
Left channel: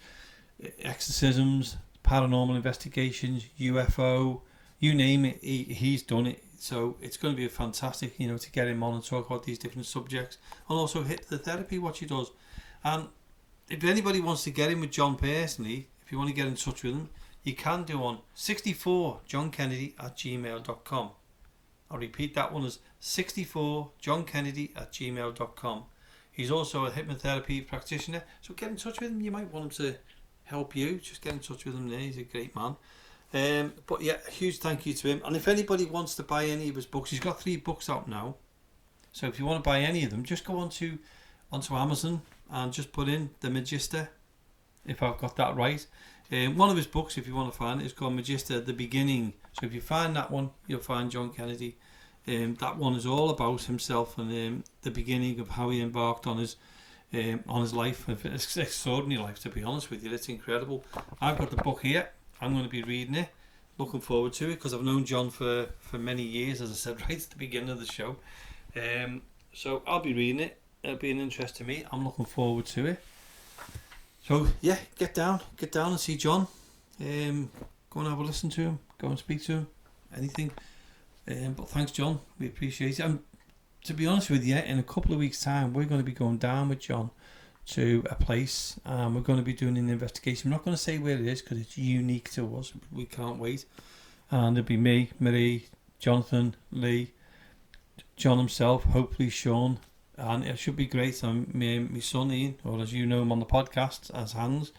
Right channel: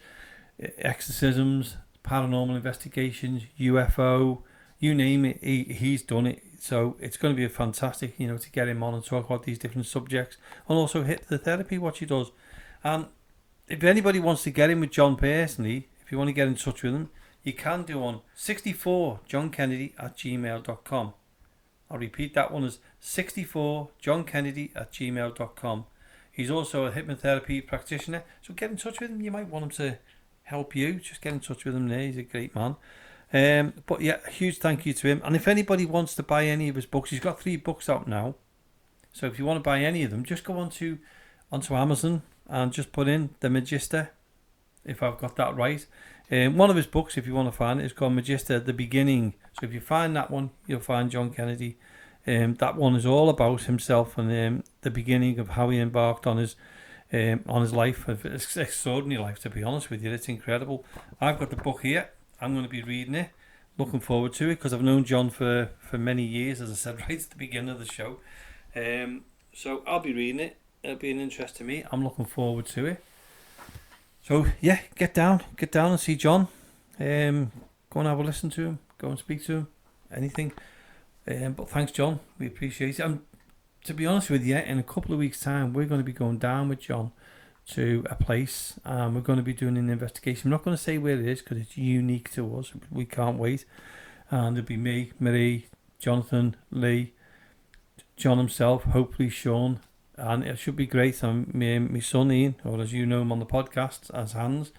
exorcisms, paranormal investigations, UFO, you name it, he's done it. So it's going to be fantastic, to get him on and talk about these different subjects, and also hypnotherapy, what he does. And if anybody wants to get in with John personally, if you want to get in touch with him, you can do on 64johnkennedy@gmail.com. I'll repeat that one as 64johnkennedy@gmail.com. He's also a hypnotherapy practitioner, so get in touch with him. You might want him to help you. Just get in touch with him there. He's a great man. But yeah, a huge thank you to him. And if anybody wants to buy any of his books, he's got 3 books out now. So if you want to buy any of them, just go onto Amazon and just put in The Magister, if I've got that right. One of his books, if you want to find it, is called Magister, The Beginning. So if you find that one, you'll find John Kennedy. That one is all about himself and the beginning of how he embarked on his life. It's an extraordinary life, to be honest with you. It's incredible. I've got the book here. I'm going to be reading it. Looking forward to it, because I've known John for many years, as I said right at the beginning of the show. So I'll be reading it. It'll be an interest to me. I'm looking forward to it. So yeah, get down and see John. Go and have a listen to him. Go and speak to him. Anything. But thanks, John. We appreciate it. And to be honest with you, in a couple of weeks' time, we're going to be going down with John to a place. We're going to be doing an investigation. I'm not going to say where it is because it's unique to us. We can't wait. And it'll be me, Marie, Jonathan, Lee, John himself, hopefully Shaun. And it should be great. My son Ian, or as you know him on the podcast as Hans,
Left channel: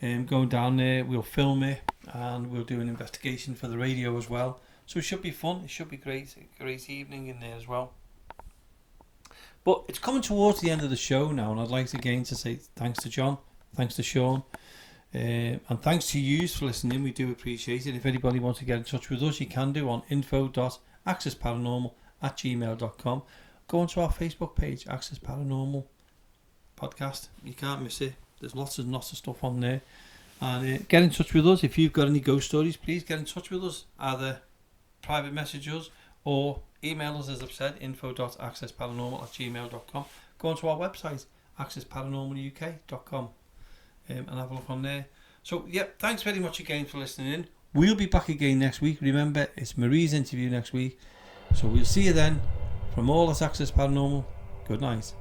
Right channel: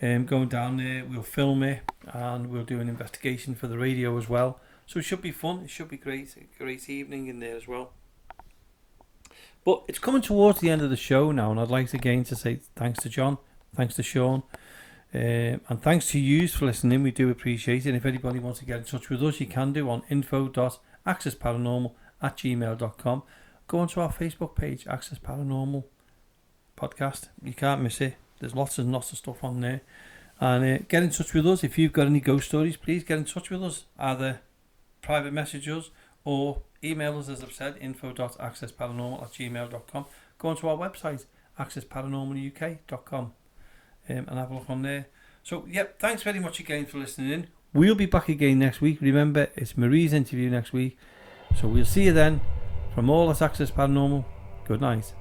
going down there. We'll film it and we'll do an investigation for the radio as well. So it should be fun. It should be great. A great evening in there as well. But it's coming towards the end of the show now, and I'd like again to say thanks to John, thanks to Shaun, and thanks to you for listening. We do appreciate it. And if anybody wants to get in touch with us, you can do on info.accessparanormal@gmail.com. Go onto our Facebook page, Access Paranormal Podcast. You can't miss it. There's lots and lots of stuff on there. And get in touch with us. If you've got any ghost stories, please get in touch with us. Either private message us or email us, as I've said, info.accessparanormal@gmail.com. Go onto our website, accessparanormaluk.com, and have a look on there. So, yep, thanks very much again for listening in. We'll be back again next week. Remember, it's Marie's interview next week. So we'll see you then. From all at Access Paranormal, good night.